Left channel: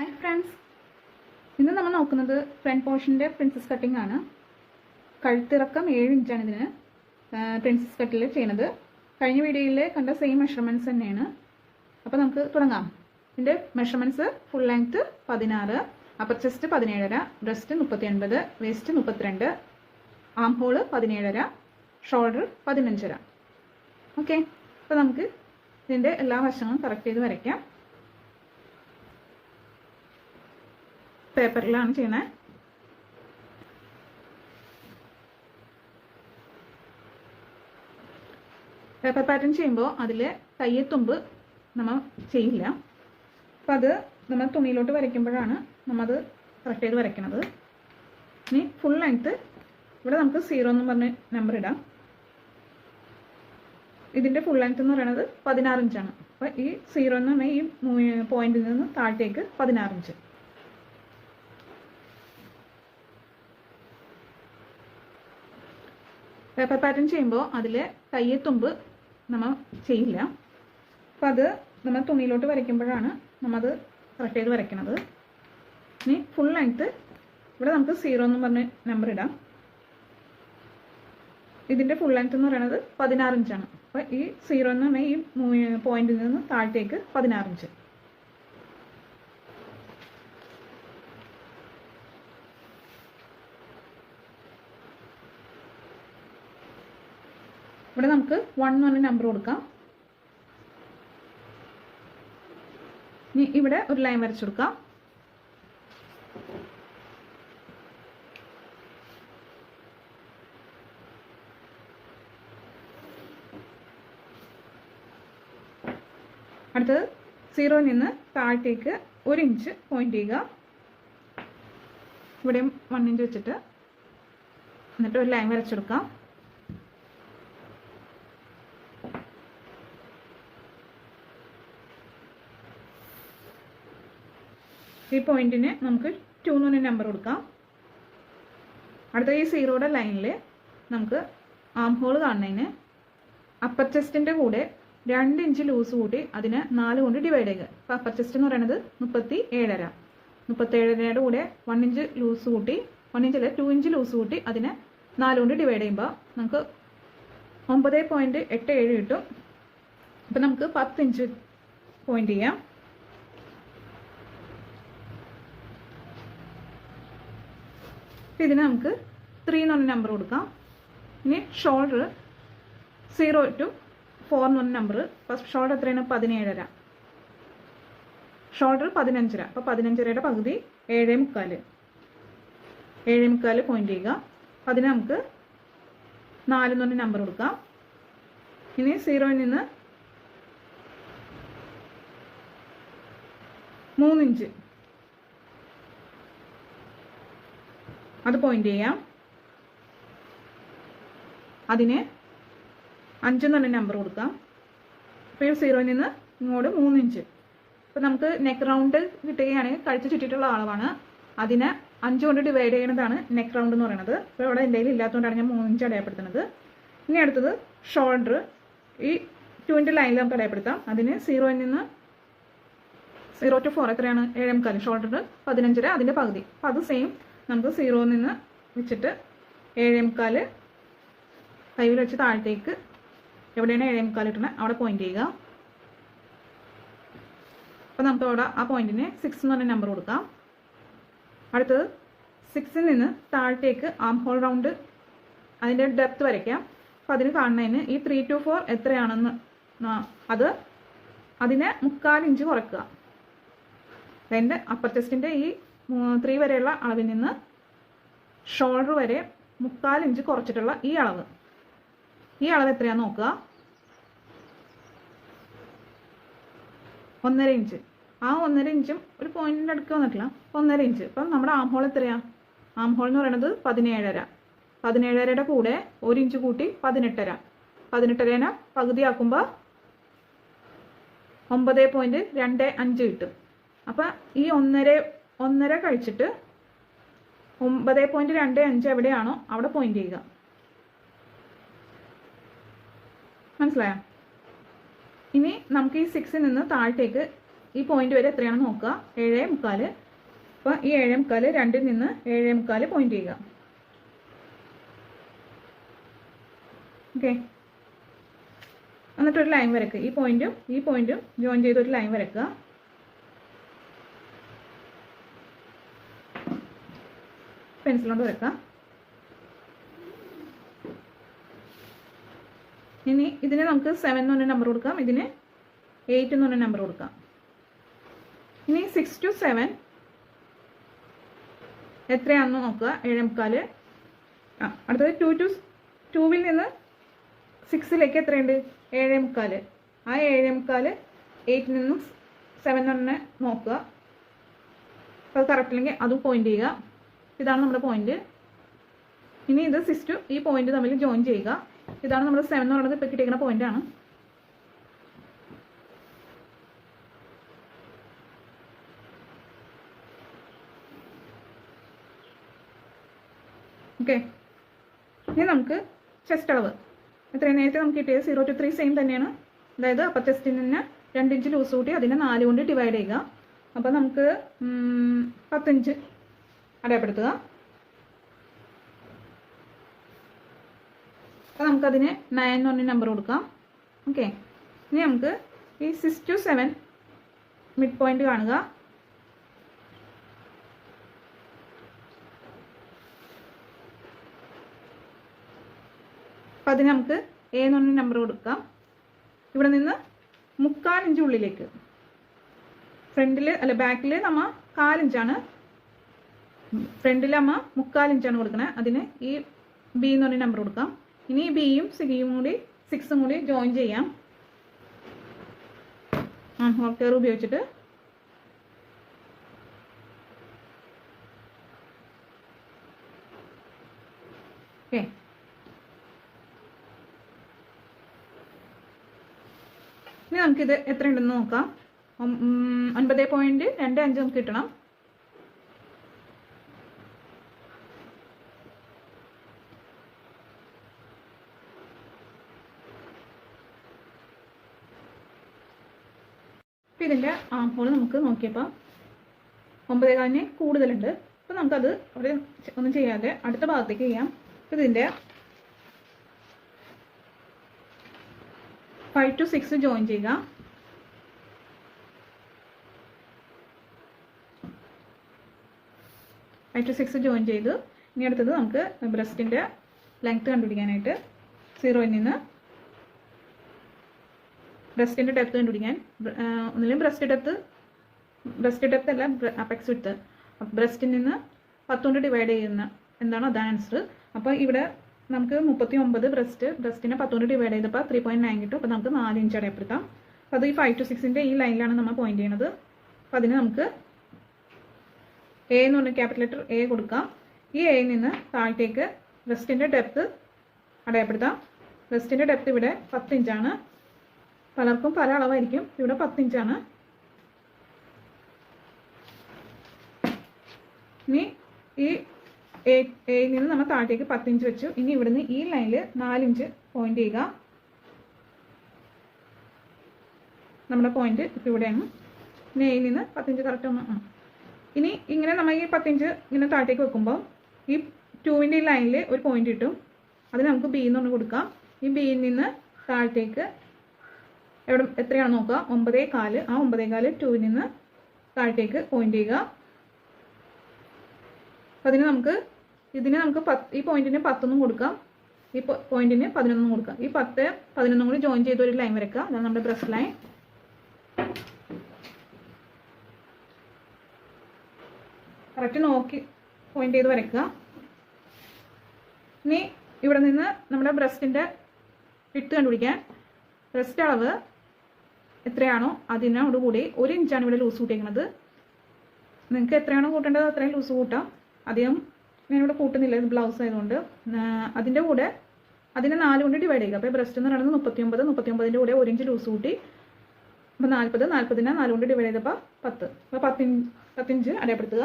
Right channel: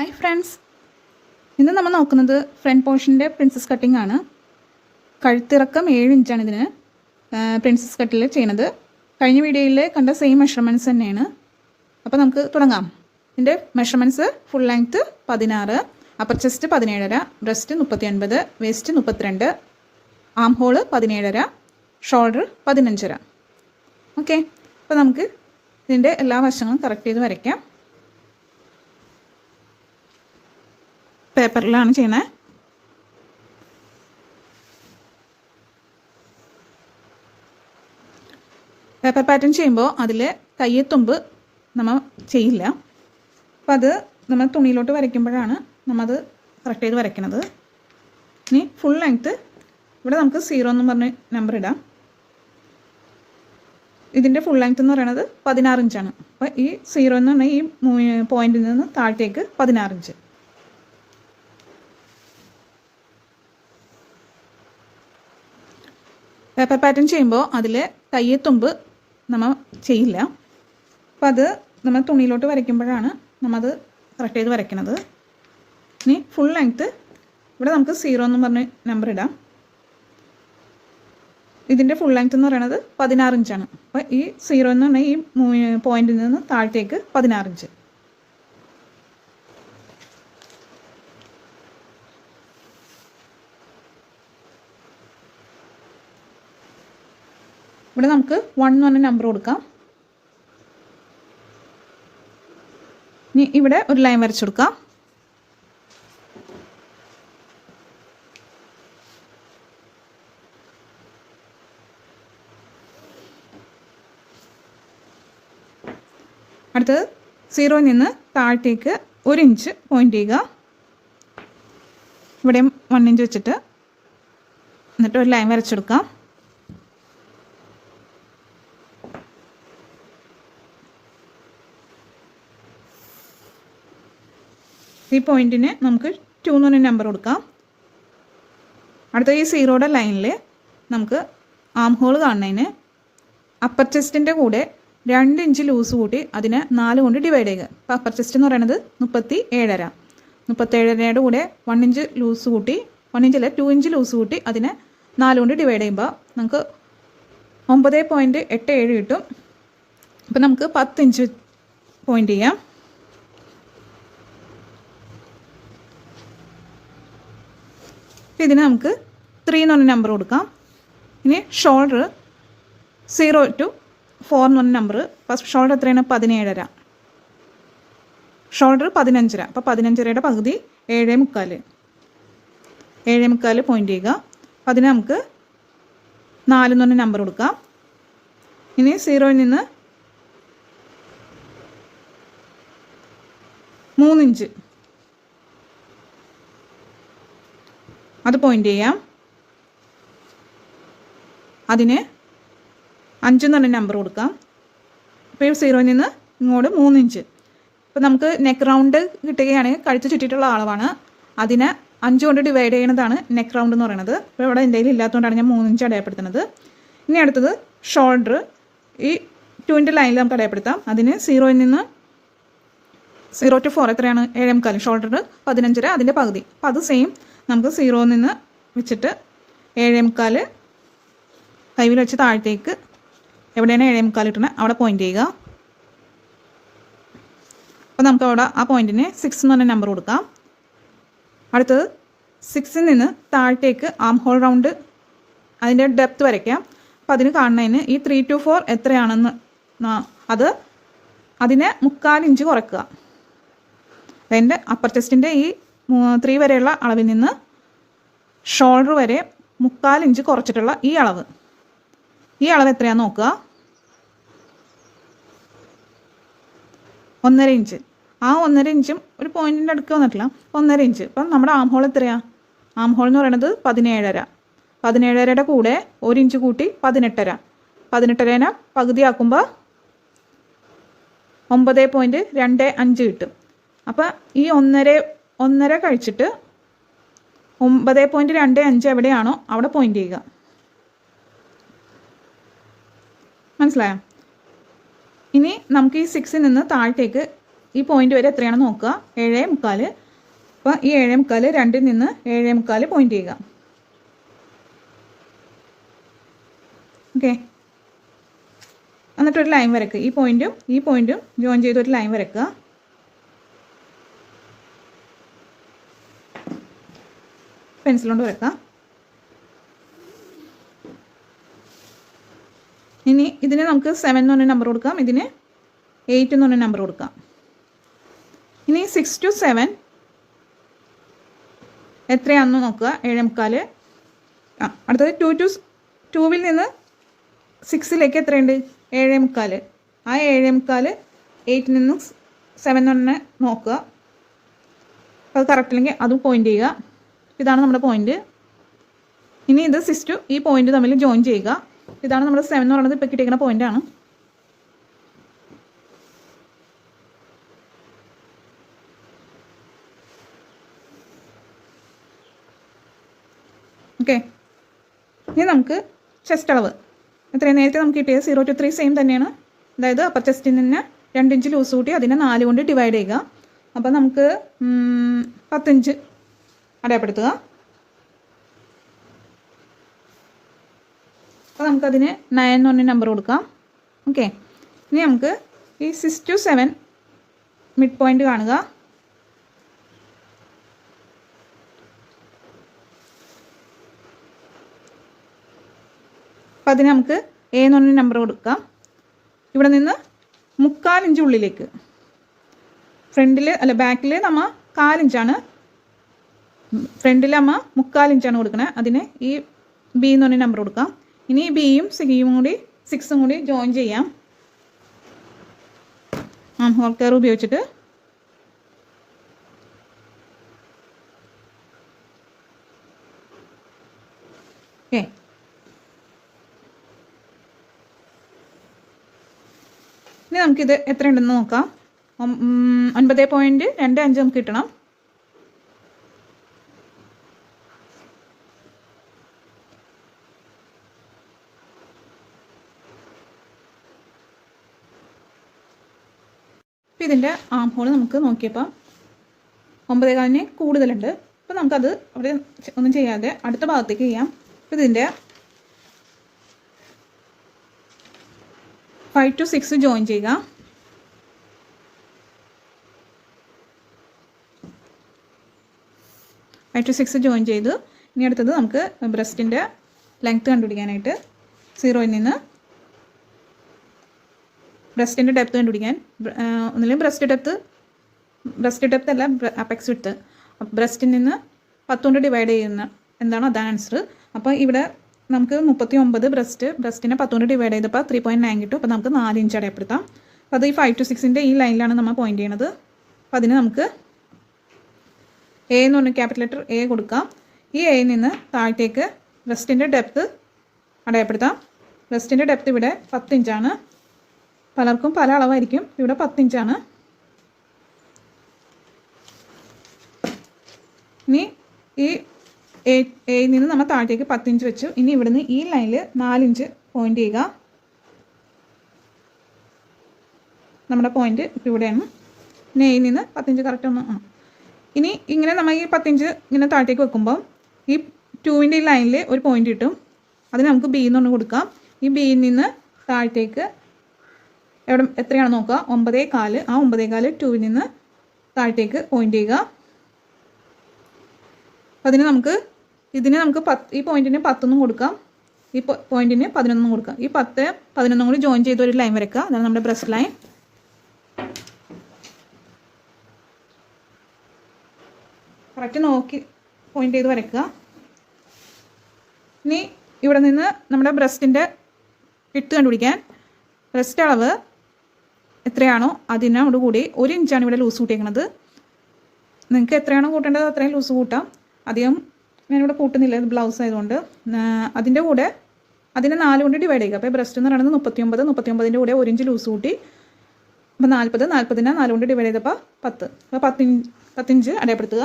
Hi friends, ഇന്ന് നമ്മൾ നോക്കുന്നത് ഫ്രണ്ട് പോർഷൻ്റെ പ്രിൻസസ് കട്ടിംഗ് ആണ്. കഴുത്തിറക്കം 7 ഇഞ്ചാണ് ഇതിന് പ്രിൻസസ് കട്ടിൽ ചെയ്യുന്നത്. കഴിഞ്ഞ വീഡിയോയിൽ കണ്ട സെയിം മെഷർമെൻറ്റ്സ് തന്നെയാണ്. അപ്പോൾ നമുക്ക് തുടങ്ങാം. ഇതിൻ്റെ measurements: full length 16, upper chest 17.5, breast 39, waste 32, ആം ഹോള് 17.5, ഷോൾഡർ 15.5. ഓക്കെ, അപ്പോൾ നമുക്ക് ഇതിൻ്റെ എല്ലാ വശങ്ങളും കറക്റ്റ് ചെയ്ത് വരയ്ക്കാം. പേപ്പറിലാണ് ചെയ്യുന്നത്. പേപ്പർ പാറ്റേൺ ചെയ്യുമ്പോൾ അതിൽ കയ്യെത്തുമ്പ് നമ്മൾ ചെയ്യില്ല. അപ്പോൾ അത് നമ്മൾ തുണിയിലോട്ട് വരയ്ക്കുമ്പോഴാണ് നമ്മളത് കറക്റ്റ് ചെയ്ത് വരയ്ക്കുന്നത്. ഇനി ഫുൾ ലെങ്ത്ത് ഇവിടെ നമുക്ക് 0 എന്ന് പറഞ്ഞ് നമ്പർ ഇടാം. ഇതിൻ്റെ ഫുൾ ലെങ്ത്ത് എന്ന് പറയുന്നത് 16 ഇഞ്ചാണ്. അപ്പോൾ ഈ 0 എന്ന് പറഞ്ഞാൽ ഈ പോയിന്റിൽ നിന്ന് താഴത്തേക്ക് 16 ഇഞ്ച്. പേപ്പർ പാറ്റേൺ ചെയ്യുമ്പോൾ അതിൽ കയ്യെത്തുമ്പ് നമ്മൾ ചെയ്യില്ല. അപ്പോൾ അത് നമ്മൾ തുണിയിലോട്ട് വരയ്ക്കുമ്പോഴാണ് നമ്മളത് കറക്റ്റ് ചെയ്ത് വരയ്ക്കുന്നത്. ഇനി ഫുൾ ലെങ്ത്ത് ഇവിടെ നമുക്ക് 0 എന്ന് പറഞ്ഞ് നമ്പർ ഇടാം. ഇതിൻ്റെ ഫുൾ ലെങ്ത്ത് എന്ന് പറയുന്നത് 16 ഇഞ്ചാണ്. അപ്പോൾ ഈ 0 എന്ന് പറഞ്ഞാൽ ഈ പോയിന്റിൽ നിന്ന് താഴത്തേക്ക് 16 ഇഞ്ച്. ഇവിടെ നമുക്ക് 1 എന്ന് പറഞ്ഞ നമ്പർ കൊടുക്കാം. ഇനി ഇവിടെ ഒരു ലൈൻ വരച്ചു കൊടുക്കാം. അടുത്തത് 0 നിന്ന് താഴത്തേക്ക് 1 ഇഞ്ച് പോയിന്റ് ചെയ്യുക. ഇവിടെയും 1 ഇഞ്ച് വെച്ചിട്ട് എന്നിട്ട് ഒരു ലൈൻ വരച്ചെടുക്കാം. ഈ പോയിന്റിന് നമുക്ക് 2 എന്ന് പറഞ്ഞ നമ്പർ കൊടുക്കാം. അടുത്ത ഈ 0യുടെ ലൈനിൽ നമുക്ക് ആം ഹോൾ കാണുന്നതിന് അപ്പർ ചെസ്റ്റിൻ്റെ കൂടെ 2 ഇഞ്ച് ലൂസ് കൂട്ടി അതിനെ 4 കൊണ്ട് ഡിവൈഡ് ചെയ്യുക. അപ്പോൾ അപ്പർ ചെസ്റ്റ് എന്ന് പറയുന്നത് 37.5. 37.5യുടെ കൂടെ 1 ഇഞ്ച് ലൂസ് കൂട്ടി, 1 ഇഞ്ചല്ല 2 ഇഞ്ച് ലൂസ് കൂട്ടി അതിനെ 4 കൊണ്ട് ഡിവൈഡ് ചെയ്യുമ്പോൾ നമുക്ക് 9.87 കിട്ടും. അപ്പോൾ നമുക്ക് 10 ഇഞ്ച് പോയിന്റ് ചെയ്യാം. ഇതിന് നമുക്ക് 3 എന്ന് പറഞ്ഞ നമ്പർ കൊടുക്കാം. ഇനി ഷോൾഡർ 0 to 4 എന്ന് പറഞ്ഞ നമ്പർ. ഫസ്റ്റ് ഷോൾഡർ എത്രയാണ്? 17.5. ഷോൾഡർ 15.5. അപ്പോൾ 15.5യുടെ പകുതി 7.75. 7.75 പോയിന്റ് ചെയ്യുക. അപ്പോൾ അതിന് നമുക്ക് 4 എന്ന് പറഞ്ഞ നമ്പർ കൊടുക്കാം. ഇനി 0യിൽ നിന്ന് 3 ഇഞ്ച് അത് പോയിന്റ് ചെയ്യാം. അതിന് 5 എന്ന് പറഞ്ഞ നമ്പർ കൊടുക്കാം. ഇപ്പോൾ 0യിൽ നിന്ന് ഇങ്ങോട്ട് 3 ഇഞ്ച്. ഇപ്പോൾ നമുക്ക് നെക്ക് റൗണ്ട് കിട്ടുകയാണെങ്കിൽ കഴുത്ത് ചുറ്റിയിട്ടുള്ള അളവാണ്. അതിനെ 5 കൊണ്ട് ഡിവൈഡ് ചെയ്യുന്നതാണ് നെക്ക് റൗണ്ട് എന്ന് പറയുന്നത്. ഇപ്പോൾ ഇവിടെ എന്തെങ്കിലും ഇല്ലാത്തതുകൊണ്ടാണ് ഞാൻ 3 ഇഞ്ച് അടയാളപ്പെടുത്തുന്നത്. ഇനി അടുത്തത് ഷോൾഡർ. ഈ 2ൻ്റെ ലൈനിൽ നമുക്ക് അടയാളപ്പെടുത്താം. അതിന് 0യിൽ നിന്ന് 0 to 4 എത്രയാണ്? 7.75. ഷോൾഡർ 15.5, അതിൻ്റെ പകുതി. അപ്പോൾ അത് സെയിം നമുക്ക് 0യിൽ നിന്ന് വെച്ചിട്ട് 7.75 കൈവിൽ വെച്ച് താഴത്തേക്ക് എവിടെയാണ് 7.75 ഇട്ടുന്നത് അവിടെ പോയിന്റ് ചെയ്യുക. അപ്പോൾ നമുക്ക് അവിടെ ആ പോയിന്റിന് 6 എന്ന് പറഞ്ഞ നമ്പർ കൊടുക്കാം. അടുത്തത് 6ൽ നിന്ന് താഴത്തേക്ക് ആം ഹോൾ റൗണ്ട് അതിൻ്റെ ഡെപ്ത് വരയ്ക്കാം. അപ്പോൾ അതിന് കാണുന്നതിന് ഈ 3 to 4 എത്രയാണെന്ന് അതിനെ 3/4 ഇഞ്ച് കുറയ്ക്കുക. അതിൻ്റെ അപ്പർ ചെസ്റ്റിൻ്റെ ഈ 3 വരെയുള്ള അളവിൽ നിന്ന് ഷോൾഡർ വരെ 3/4 ഇഞ്ച് കുറച്ചിട്ടുള്ള ഈ അളവ് എത്രയാണെന്ന് നോക്കുക. 1.5 ഇഞ്ച്. ആ 1.5 ഇഞ്ചും ഒരു പോയിന്റിൻ്റെ അടുക്ക് വന്നിട്ടില്ല. 1.5 ഇഞ്ച്. അപ്പം നമ്മുടെ ആം ഹോൾ എത്രയാണ്? ആം ഹോൾ എന്ന് പറയുന്നത് 17.5. 17.5യുടെ കൂടെ 1 ഇഞ്ച് കൂട്ടി 18.5. 18.5 പകുതിയാക്കുമ്പോൾ 9.25 കിട്ടും. അപ്പോൾ ഈ 1.5 കഴിച്ചിട്ട് 9.25 എവിടെയാണോ അവിടെ പോയിന്റ് ചെയ്യുക. മനസ്സിലായോ? ഇനി നമുക്ക് ഈ 6ൽ നിന്ന് താഴത്തേക്ക് ഈ പോയിന്റ് വരെ എത്രയാണെന്ന് നോക്കുക, 7.25. അപ്പോൾ ഈ 7.25 2ൽ നിന്ന് 7.25 പോയിന്റ് ചെയ്യുക. ഓക്കെ, എന്നിട്ടൊരു ലൈൻ വരയ്ക്കുക. ഈ പോയിന്റും ജോയിൻ ചെയ്തൊരു ലൈൻ വരയ്ക്കുക. പെൻസിൽ കൊണ്ട് വരയ്ക്കുക. ഇനി ഇതിന് നമുക്ക് 7 എന്ന് പറഞ്ഞ നമ്പർ കൊടുക്കാം, ഇതിന് 8 എന്ന് പറഞ്ഞ നമ്പർ കൊടുക്കാം. ഇനി 6 to 7 എത്രയാണെന്ന് നോക്കുക, 7.25. അടുത്തത് 2 to 2ൽ നിന്ന് 6ലേക്ക് എത്രയുണ്ട്, 7.25. ആ 7.25 8ൽ നിന്ന് 7 എന്ന് പറഞ്ഞ നോക്കുക. അത് കറക്റ്റ് അല്ലെങ്കിൽ അതും പോയിന്റ് ചെയ്യുക. ഇതാണ് നമ്മുടെ പോയിന്റ്. ഇനി ഇത് 6 to ഈ പോയിന്റ് തമ്മിൽ ജോയിൻ ചെയ്യുക. ഇതാണ് നമ്മുടെ 7 എന്ന് പറയുന്നത്. ഇപ്പോൾ കിട്ടിയിരിക്കുന്ന പോയിന്റാണ്. ഓക്കെ, ഇനി നമുക്ക് ചെസ്റ്റ് അളവ് എത്രയാണ്, നേരത്തെ നമുക്ക് കിട്ടിയത് 0 to 3 സെയിം തന്നെയാണ്. അതായത് അപ്പർ ചെസ്റ്റിൽ നിന്ന് 2 ഇഞ്ച് ലൂസ് കൂട്ടി അതിനെ 4 കൊണ്ട് ഡിവൈഡ് ചെയ്യുക. അപ്പോൾ നമുക്ക് 10 ഇഞ്ച് അടയാളപ്പെടുത്തുക. അപ്പോൾ നമുക്കതിന് 9 എന്ന് പറഞ്ഞ നമ്പർ കൊടുക്കാം. ഓക്കെ, ഇനി നമുക്ക് ഈ 6 to 7 മിഡ് പോയിന്റ് കാണുക. അപ്പോൾ അതിന് നമുക്ക് A എന്ന് പറഞ്ഞ നമ്പർ കൊടുക്കാം. ഇവിടെ നിന്ന് 3/4 ഇഞ്ച് ഉള്ളിലേക്ക്, ബാക്കിൽ നമ്മൾ 4 ഇഞ്ചാണ്, ഫ്രണ്ടിൽ നമ്മൾ 3/4 ഇഞ്ചാണ് കൊടുക്കുന്നത്. അതിന് ഈ B എന്ന് പറഞ്ഞ നമ്പർ കൊടുക്കാം. ഇനി ഈ ബിയും 6ഉം കൂടി ജോയിൻ ചെയ്യാം ഹോൾ കെയർ ഉപയോഗിച്ചിട്ട്. ഓക്കെ, ഇനി നമുക്കിത് എത്ര ഉണ്ടെന്ന് നോക്കാം. 9.25 നമുക്ക് കിട്ടണം. അപ്പോൾ ഇതിൻ്റെ ആം ഹോൾ നമുക്ക് നോക്കിയപ്പോൾ 9.25 കൂടുതലുണ്ട്. അപ്പോൾ നമുക്കത് അവിടെ ഒന്നും ചെയ്യാതെ അടുത്ത ഭാഗത്തേക്ക് ചെയ്യാം. അപ്പോൾ ഇതിൻ്റെ 5 to 6 ജോയിൻ ചെയ്യുക. ജോയിൻ ചെയ്ത് ഇനി അടുത്തത് നമുക്ക് ബ്രസ്റ്റിൻ്റെ ലെങ്ത്ത് കണ്ടുപിടിക്കാനായിട്ട് 0ൽ നിന്ന് ബ്രസ്റ്റിൻ്റെ ഡെപ്ത് കണ്ടുപിടിക്കാൻ, ഒന്നിലും ബ്രസ്റ്റ് ഡെപ്ത് അല്ല അപ്പെക്സ് വിഡ്ത്ത്. ബ്രസ്റ്റിൽ നിന്ന് 10 കൊണ്ട് ഡിവൈഡ് ചെയ്യുന്ന എന്താണ് അതാണ് ആൻസർ. അപ്പോൾ ഇവിടെ നമുക്ക് 39 ബ്രസ്റ്റിനെ 10 കൊണ്ട് ഡിവൈഡ് ചെയ്തപ്പോൾ 3.9 കിട്ടും. അപ്പോൾ നമുക്ക് 4 ഇഞ്ച് അടയാളപ്പെടുത്താം. അപ്പോൾ അത് ഈ 5 to 6ൻ്റെ ഈ ലൈനിലാണ് നമ്മൾ പോയിന്റ് ചെയ്യുന്നത്. അപ്പോൾ അതിന് നമുക്ക് A എന്ന് പറഞ്ഞ ക്യാപിറ്റൽ ലെറ്റർ A കൊടുക്കാം. ഈ Aയിൽ നിന്ന് താഴത്തേക്ക് ബ്രസ്റ്റിൻ്റെ ഡെപ്ത് അടയാളപ്പെടുത്താം. ബ്രസ്റ്റിൻ്റെ ഡെപ്ത് ഇവിടെ 10 ഇഞ്ചാണ്. പലർക്കും പല അളവായിരിക്കും. ഇവിടെ 10 ഇഞ്ചാണ്. ഇനി ഈ Aയിൽ നിന്ന് നമ്മൾ താഴത്തേക്ക് 10 ഇഞ്ച് വെച്ചു. ഇനി ഇവിടുന്ന് ഈ ലൈനിൽ 4 ഇഞ്ച് പോയിന്റ് ചെയ്യുക. നമ്മുടെ പോയിന്റ് ഇപ്പോൾ ഇവിടെയാണ്. ഇനി Aയിൽ നിന്ന് 10 ഇഞ്ച് കറക്റ്റ് ഒന്ന് ഇനി ഇങ്ങനെ നമ്മൾ ഈ 10 ഇഞ്ച് ഇങ്ങനെ താഴത്തേക്ക് വെക്കുമ്പോൾ ഈ 2ൻ്റെ ഈ ലൈനിൽ ഒരു പോയിന്റ് കിട്ടും. അതിന് നമുക്ക് B എന്ന് പറഞ്ഞ് കൊടുക്കാം. ഈ Bയിൽ നിന്ന് താഴത്തേക്ക് എവിടെ എത്രയാണ് നോക്കുക, 9.25. ആ 9.25 2ൽ നിന്ന് താഴത്തേക്ക് പോയിന്റ് ചെയ്യുക. അതിന് നമുക്ക് ഈ പോയിന്റിന് 10 എന്നും കൊടുക്കാം, ഈ പോയിന്റിന് 11 കൊടുക്കാം. ഈ 10 11 കൂടി ജോയിൻ ചെയ്ത് ഒരു ലൈൻ വരയ്ക്കുക. അതാണ് നമ്മുടെ ബ്രസ്റ്റ് ലൈൻ. കറക്റ്റ് നോക്കി പോയിന്റ് ചെയ്ത് വരയ്ക്കുക. ഇനി ഇവിടെ നിന്ന് നമ്മുടെ ബ്രസ്റ്റിൻ്റെ വിഡ്ത്ത് കണ്ടുപിടിക്കാൻ ബ്രസ്റ്റ് അളവ് എത്രയാണോ അതിനോടുകൂടി 1 ഇഞ്ചാണ് ഇവിടെ ലൂസ് കൂട്ടിയേക്കുന്നത്. നിങ്ങൾക്ക് എത്രയാണോ കൂട്ടേണ്ടത് അത്രയും ലൂസ് കൂട്ടാം. അധികം ഞാനിവിടെ കൂട്ടുന്നില്ല, ഇത് ബ്ലൗസ് ആയതുകൊണ്ട്. അതിൻ്റെ കൂടെ അതിനെ 4 കൊണ്ട് ഡിവൈഡ് ചെയ്യുക. അപ്പോൾ ബ്രസ്റ്റ് എന്ന് പറയുന്നത് 39ൻ്റെ കൂടെ 1 ഇഞ്ച് ലൂസ് കൂട്ടി. അപ്പോൾ 40നെ 4 കൊണ്ട് ഡിവൈഡ് ചെയ്തപ്പോൾ 10. അപ്പോൾ 10 ഇഞ്ച് അടയാളപ്പെടുത്തുക.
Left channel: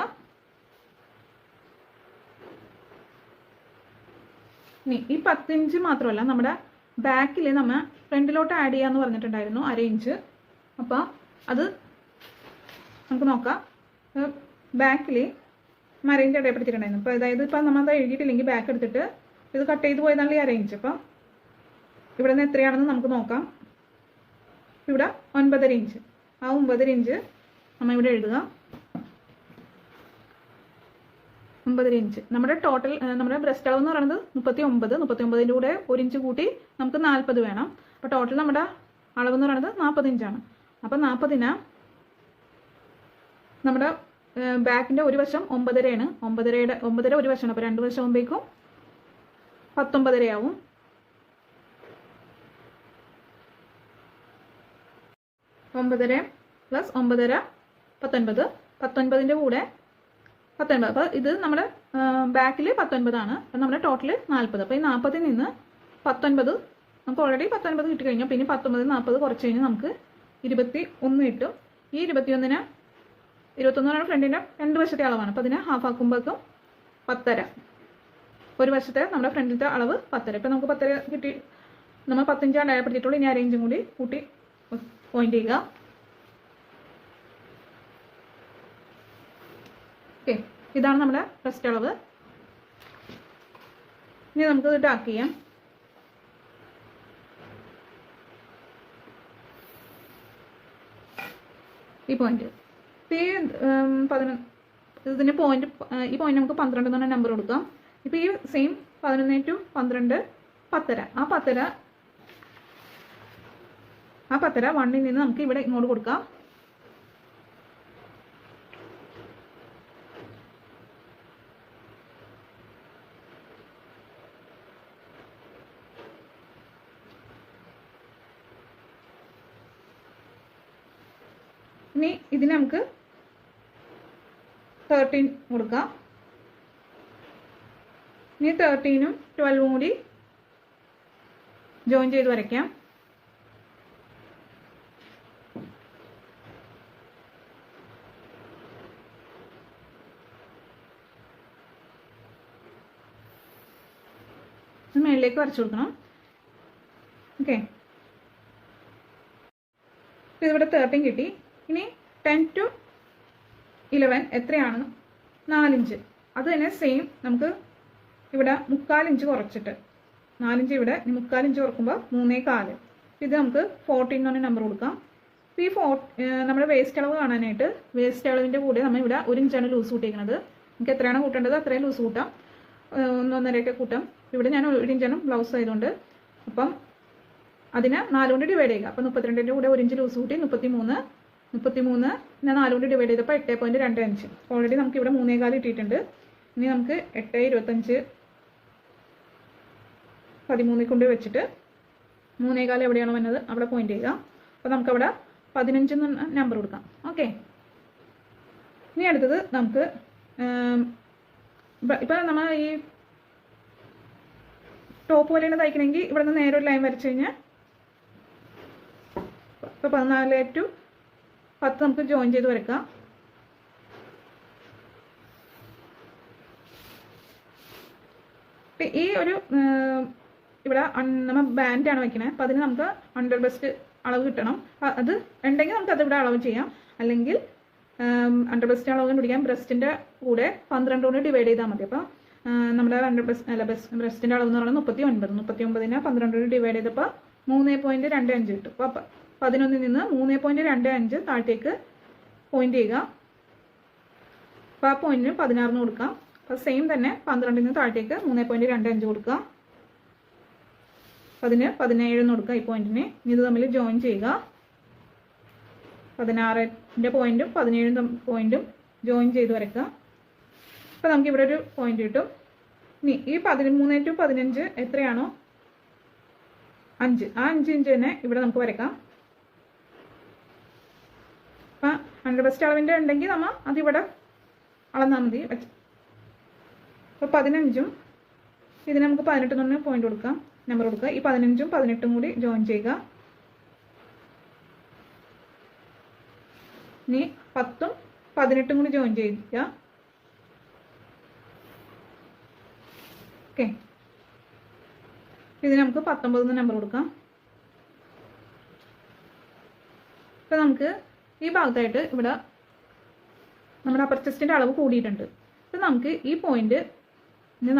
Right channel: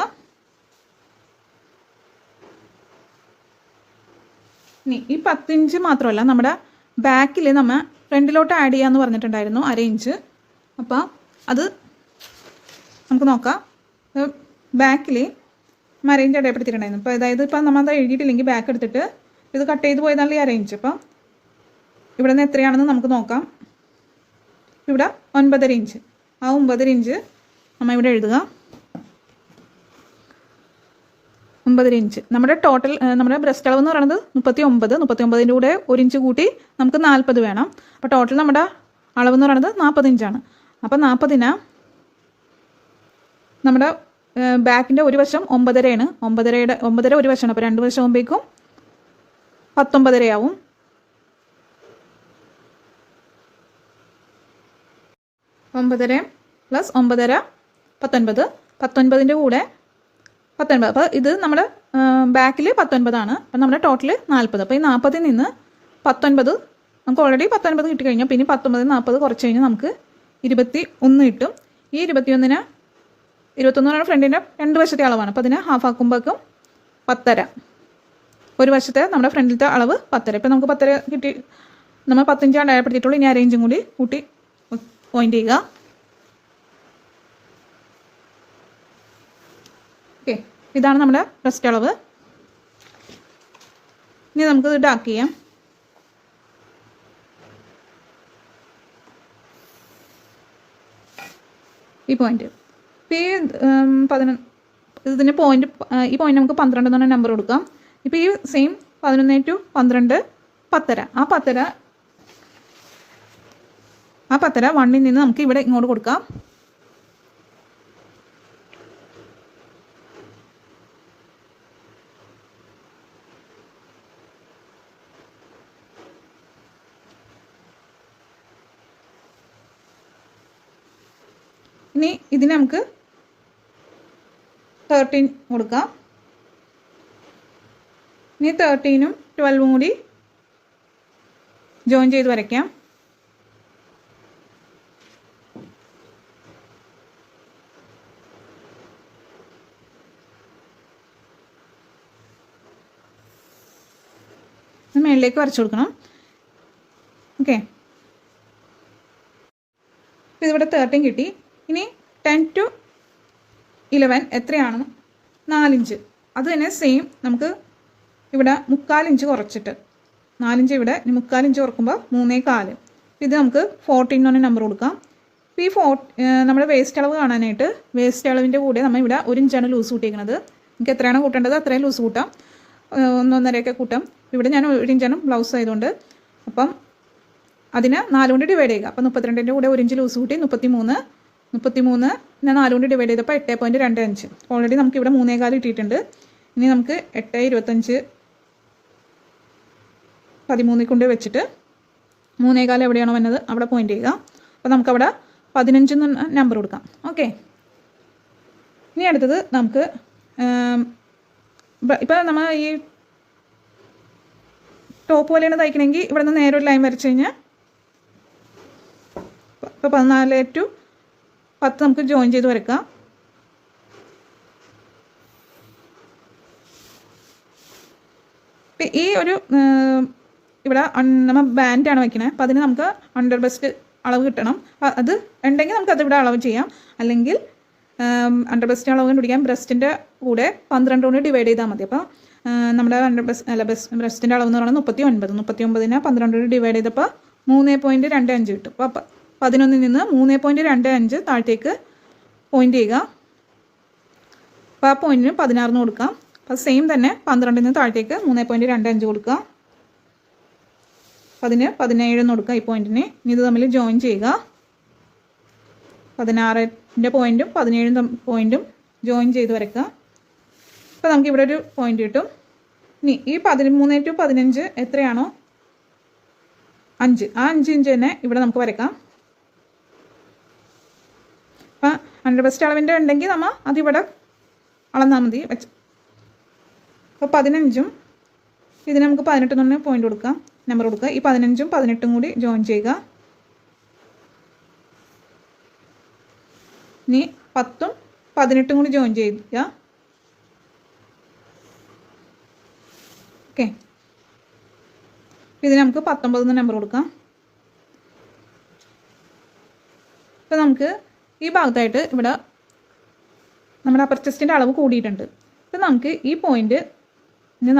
ഇനി ഈ 10 ഇഞ്ച് മാത്രമല്ല, നമ്മുടെ ബാക്കിൽ നമ്മൾ ഫ്രണ്ടിലോട്ട് ആഡ് ചെയ്യാമെന്ന് പറഞ്ഞിട്ടുണ്ടായിരുന്നു 1/2 ഇഞ്ച്. അപ്പോൾ അത് നമുക്ക് നോക്കാം. ബാക്കിൽ മറേഞ്ച് അടയാളപ്പെടുത്തിയിട്ടുണ്ടായിരുന്നു. അപ്പോൾ അതായത് ഇപ്പം നമ്മളത് എഴുതിയിട്ടില്ലെങ്കിൽ ബാക്ക് എടുത്തിട്ട് ഇത് കട്ട് ചെയ്ത് പോയതാണ് ഈ അറേഞ്ച്. അപ്പം ഇവിടെ നിന്ന് എത്രയാണെന്ന് നമുക്ക് നോക്കാം. ഇവിടെ 9.5 ഇഞ്ച്. ആ 9.5 ഇഞ്ച് നമ്മൾ ഇവിടെ എഴുതുക. 9.5 ഇഞ്ച് നമ്മുടെ ടോട്ടൽ നമ്മുടെ ബ്രസ്റ്റ് അളവ് എന്ന് പറയുന്നത് 39. 39ൻ്റെ കൂടെ 1 ഇഞ്ച് കൂട്ടി നമുക്ക് 40 വേണം. അപ്പോൾ ടോട്ടൽ നമ്മുടെ അളവെന്ന് പറയുന്നത് 40 ഇഞ്ചാണ്. അപ്പോൾ 40ന് നമ്മുടെ ബാക്കിൻ്റെ ഒരു വശം 9.5 ആണ്. 9.5 ഒരു വശമാണ്. അപ്പോൾ 2 വശം ആകുമ്പോഴേക്കും 19.5 ആവും. (9.5 + 9.5 = 19). 19ൻ്റെ കൂടെ 19. അപ്പോൾ ഇത് നമ്മുടെ ബാക്കിൽ 19 ആണ്. അപ്പം നമ്മുടെ ടോട്ടൽ 40. അപ്പോൾ ഈ 40ൽ നിന്ന് 19 നമുക്ക് ഓൾറെഡി 19 കിട്ടിക്കഴിഞ്ഞാൽ പിന്നെ 19 40 കുറച്ച് കഴിഞ്ഞാൽ നമുക്ക് 21 കിട്ടും. ഈ 21 എന്ന് പറയുന്നത് ഫ്രണ്ടിൻ്റെ 2 വശത്തെ അളവാണ്. അപ്പോൾ അതിനെ ഹാഫ് ആക്കുമ്പോഴേക്കും 10.5. ഒരു വശത്തെ നമ്മുടെ ഫ്രണ്ടിലത്തെ അളവ് 10.5. ഇപ്പോൾ നമുക്ക് 10.5 കിട്ടി. നമ്മൾ 10 ഇഞ്ചാണ് അടയാളപ്പെടുത്തിയിട്ടുള്ളൂ. ഇനി അറേഞ്ചും കൂടി കൂട്ടി പോയിന്റ് ചെയ്യുക. ഓക്കെ, ഇതാണ് നമ്മുടെ ബ്രസ്റ്റ് അളവ്. ഇനി നമുക്കിത് ഡാർക്ക് ചെയ്യാം. ഈ പോയിന്റ് ഇപ്പോൾ ഇതിന് പോയിന്റ് ഈ പോയിന്റ് നമുക്ക് 12 എന്ന് പറഞ്ഞ നമ്പർ കൊടുക്കാം. ഇപ്പോൾ ഈ സെയിം 11 to 12 10.5. ആ 10.5 1ൽ നിന്ന് നമുക്ക് ഇവിടെ ഇങ്ങോട്ട് കൊടുക്കാം. ഇനി ഇതിന് നമുക്ക് 13 കൊടുക്കാം. ഇനി 13ഉം 12ഉം കൂടി ജോയിൻ ചെയ്ത് വരയ്ക്കാം. മേളിലേക്ക് വരച്ചു കൊടുക്കണം. ഓക്കെ, ഇപ്പോൾ ഇതിവിടെ 13 കിട്ടി. ഇനി 10 to 11 എത്രയാണെന്ന് 4 ഇഞ്ച്. അത് തന്നെ സെയിം നമുക്ക് ഇവിടെ 3/4 ഇഞ്ച് കുറച്ചിട്ട് 4 ഇഞ്ച് ഇവിടെ 3/4 ഇഞ്ച് കുറക്കുമ്പോൾ 3.25. ഇത് നമുക്ക് 14 എന്ന് പറഞ്ഞ നമ്പർ കൊടുക്കാം. ഇപ്പോൾ ഈ നമ്മുടെ വേസ്റ്റ് അളവ് കാണാനായിട്ട് വേസ്റ്റ് അളവിൻ്റെ കൂടെ നമ്മൾ ഇവിടെ 1 ഇഞ്ചാണ് ലൂസ് കൂട്ടിയിരിക്കുന്നത്. നമുക്ക് എത്രയാണ് കൂട്ടേണ്ടത് അത്രയും ലൂസ് കൂട്ടാം. 1.5 കൂട്ടാം. ഇവിടെ ഞാൻ 1 ഇഞ്ചാണ് ബ്ലൗസ് ആയതുകൊണ്ട്. അപ്പം അതിന് 4 കൊണ്ട് ഡിവൈഡ് ചെയ്യുക. അപ്പം 32ൻ്റെ കൂടെ 1 ഇഞ്ച് ലൂസ് കൂട്ടി 33 ഞാൻ 4 കൊണ്ട് ഡിവൈഡ് ചെയ്തപ്പോൾ 8.25. ഓൾറെഡി നമുക്ക് ഇവിടെ 3.25 കിട്ടിയിട്ടുണ്ട്. ഇനി നമുക്ക് 8, 25, 13 കൊണ്ട് വെച്ചിട്ട് 3.25 എവിടെയാണോ വന്നത് അവിടെ പോയിന്റ് ചെയ്യുക. അപ്പോൾ നമുക്കവിടെ 15 എന്ന് നമ്പർ കൊടുക്കാം. ഓക്കെ, ഇനി അടുത്തത് നമുക്ക് ഇപ്പോൾ നമ്മൾ ഈ ടോപ്പ് പോലെയാണ് തയ്ക്കണമെങ്കിൽ ഇവിടെ നിന്ന് നേരെ ഒരു ലൈൻ വരച്ച് കഴിഞ്ഞാൽ ഇപ്പോൾ 14 to 10 നമുക്ക് ജോയിൻ ചെയ്ത് വരയ്ക്കാം. ഇപ്പം ഈ ഒരു ഇവിടെ നമ്മൾ ബാൻഡാണ് വയ്ക്കുന്നത്. അപ്പോൾ അതിന് നമുക്ക് അണ്ടർ ബെസ്റ്റ് അളവ് കിട്ടണം. അത് ഉണ്ടെങ്കിൽ നമുക്ക് അതിവിടെ അളവ് ചെയ്യാം. അല്ലെങ്കിൽ അണ്ടർ ബെസ്റ്റ് അളവ് കണ്ടുപിടിക്കാം. ബ്രസ്റ്റിൻ്റെ കൂടെ 12 കൊണ്ട് ഡിവൈഡ് ചെയ്താൽ മതി. അപ്പോൾ നമ്മുടെ അണ്ടർ ബ്രസ്റ്റിൻ്റെ അളവ് എന്ന് പറയുന്നത് 39. 12 കൊണ്ട് ഡിവൈഡ് ചെയ്തപ്പോൾ 3.25 കിട്ടും. അപ്പോൾ 11ൽ നിന്ന് 3.25 താഴത്തേക്ക് പോയിന്റ് ചെയ്യുക. അപ്പോൾ ആ പോയിന്റിന് 16 കൊടുക്കാം. അപ്പോൾ സെയിം തന്നെ 12ൽ നിന്ന് താഴത്തേക്ക് 3.25 കൊടുക്കുക. അതിന് 17 കൊടുക്കുക ഈ പോയിന്റിന്. ഇനി ഇത് തമ്മിൽ ജോയിൻ ചെയ്യുക. 16ൻ്റെ പോയിന്റും 17 പോയിന്റും ജോയിൻ ചെയ്ത് വരയ്ക്കുക. അപ്പോൾ നമുക്ക് ഇവിടെ ഒരു പോയിന്റ് കിട്ടും. ഇനി ഈ 13 to 15 എത്രയാണോ 5, ആ 5 ഇഞ്ച് തന്നെ ഇവിടെ നമുക്ക് വരയ്ക്കാം. അപ്പം അണ്ടർ ബെസ്റ്റ് അളവിൻ്റെ ഉണ്ടെങ്കിൽ നമ്മൾ അതിവിടെ അളന്നാൽ മതി വെച്ച്. അപ്പോൾ 15ഉം ഇതിന് നമുക്ക് 18 തന്നെ പോയിന്റ് കൊടുക്കാം, നമ്പർ കൊടുക്കുക. ഈ 15ഉം 18ഉം കൂടി ജോയിൻ ചെയ്യുക. ഇനി 10ഉം 18ഉം കൂടി ജോയിൻ ചെയ്യുക. ഓക്കെ, ഇതിന് നമുക്ക് 19 നമ്പർ കൊടുക്കാം. ഇപ്പോൾ നമുക്ക് ഈ ഭാഗത്തായിട്ട് ഇവിടെ നമ്മുടെ അപ്പർ ചെസ്റ്റിൻ്റെ അളവ് കൂടിയിട്ടുണ്ട്. അപ്പോൾ നമുക്ക് ഈ പോയിന്റ്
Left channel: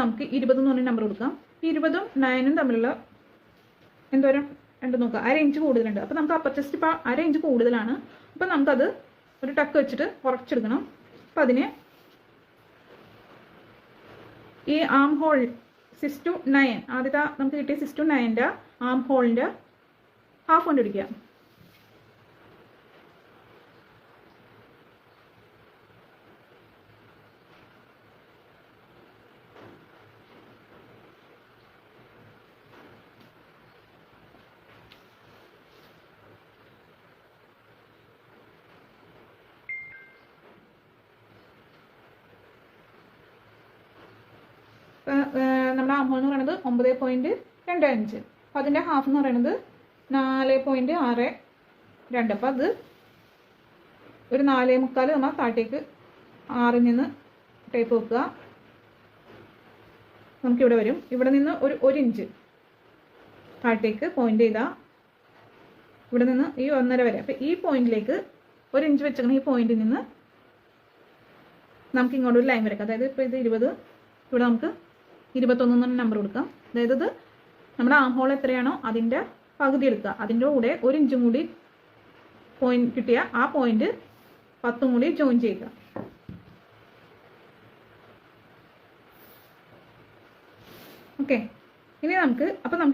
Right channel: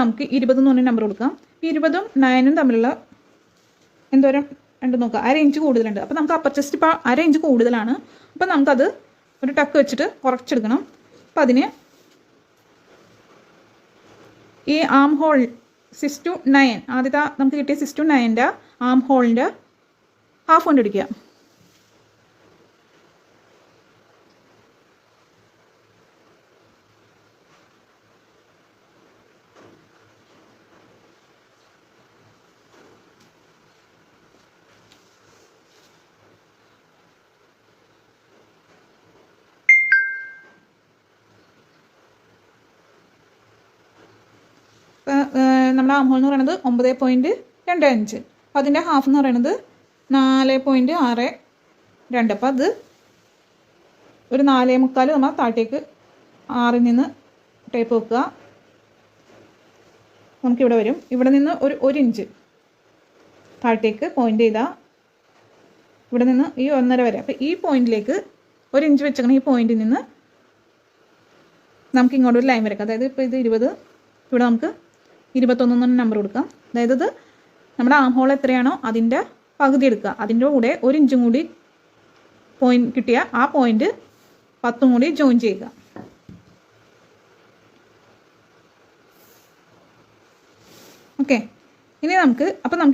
നമുക്ക് 20 എന്ന് പറഞ്ഞ നമ്പർ കൊടുക്കാം. 20ഉം 9ഉം തമ്മിലുള്ള എന്തോരം ഉണ്ട് നോക്കുക, 1/2 ഇഞ്ച് കൂടുതലുണ്ട്. അപ്പോൾ നമുക്ക് അപ്പർ ചെസ്റ്റ് ഇപ്പോൾ 1/2 ഇഞ്ച് കൂടുതലാണ്. അപ്പോൾ നമുക്കത് ഒരു ടക്ക് വെച്ചിട്ട് കുറച്ചെടുക്കണം. അപ്പോൾ അതിന് ഈ ആം ഹോൾ 6 to 9 ആദ്യത്തെ നമുക്ക് കിട്ടിയ 6 to 9ൻ്റെ ആം ഹോളിൻ്റെ ഹാഫ് കൊണ്ട് അടിക്കുക. നമ്മുടെ ആം ഹോൾ എന്ന് പറയുന്നത് 9.25. അപ്പോൾ അതിൻ്റെ ഹാഫ് എന്ന് പറയുന്നത് 4.62. അപ്പോൾ അത് ഒരു 4.25 നമ്മൾ താഴത്തേക്ക് 6ൽ നിന്ന് ടേപ്പ് വെക്കുക. നമുക്കിവിടെ വരും. ഇവിടെ നിന്ന് ഒരു ഇഞ്ച് താഴത്തേക്ക് പോയിൻ്റ് ചെയ്താൽ ഇവിടെ നിന്ന് ഈ 1.5 വരെ. അപ്പോൾ ഈ പോയിന്റിലേക്ക് 1 ഇഞ്ച് വെച്ചേക്കണം. ഈ പോയിന്റിൽ നിന്ന് നമുക്ക് ഇങ്ങോട്ട് ഒരു ലൈൻ വരയ്ക്കാം. അതായത് ഇപ്പോൾ ഇത് 20, ഇവിടെ നമുക്ക് 21 നമ്പർ കൊടുക്കാം. അതായത് ഇത് നമ്മുടെ ആം ഹോൾ എത്രയാണോ അതിൻ്റെ പകുതി എടുക്കുക. അതിൻ്റെ കൂടെ 1 ഇഞ്ചും കൂടി പോയിന്റ് കിട്ടിയ ആ പോയിന്റ് 10ഉം കൂടി ജോയിൻ ചെയ്യുക. ഓക്കെ, ഇനി നമുക്ക്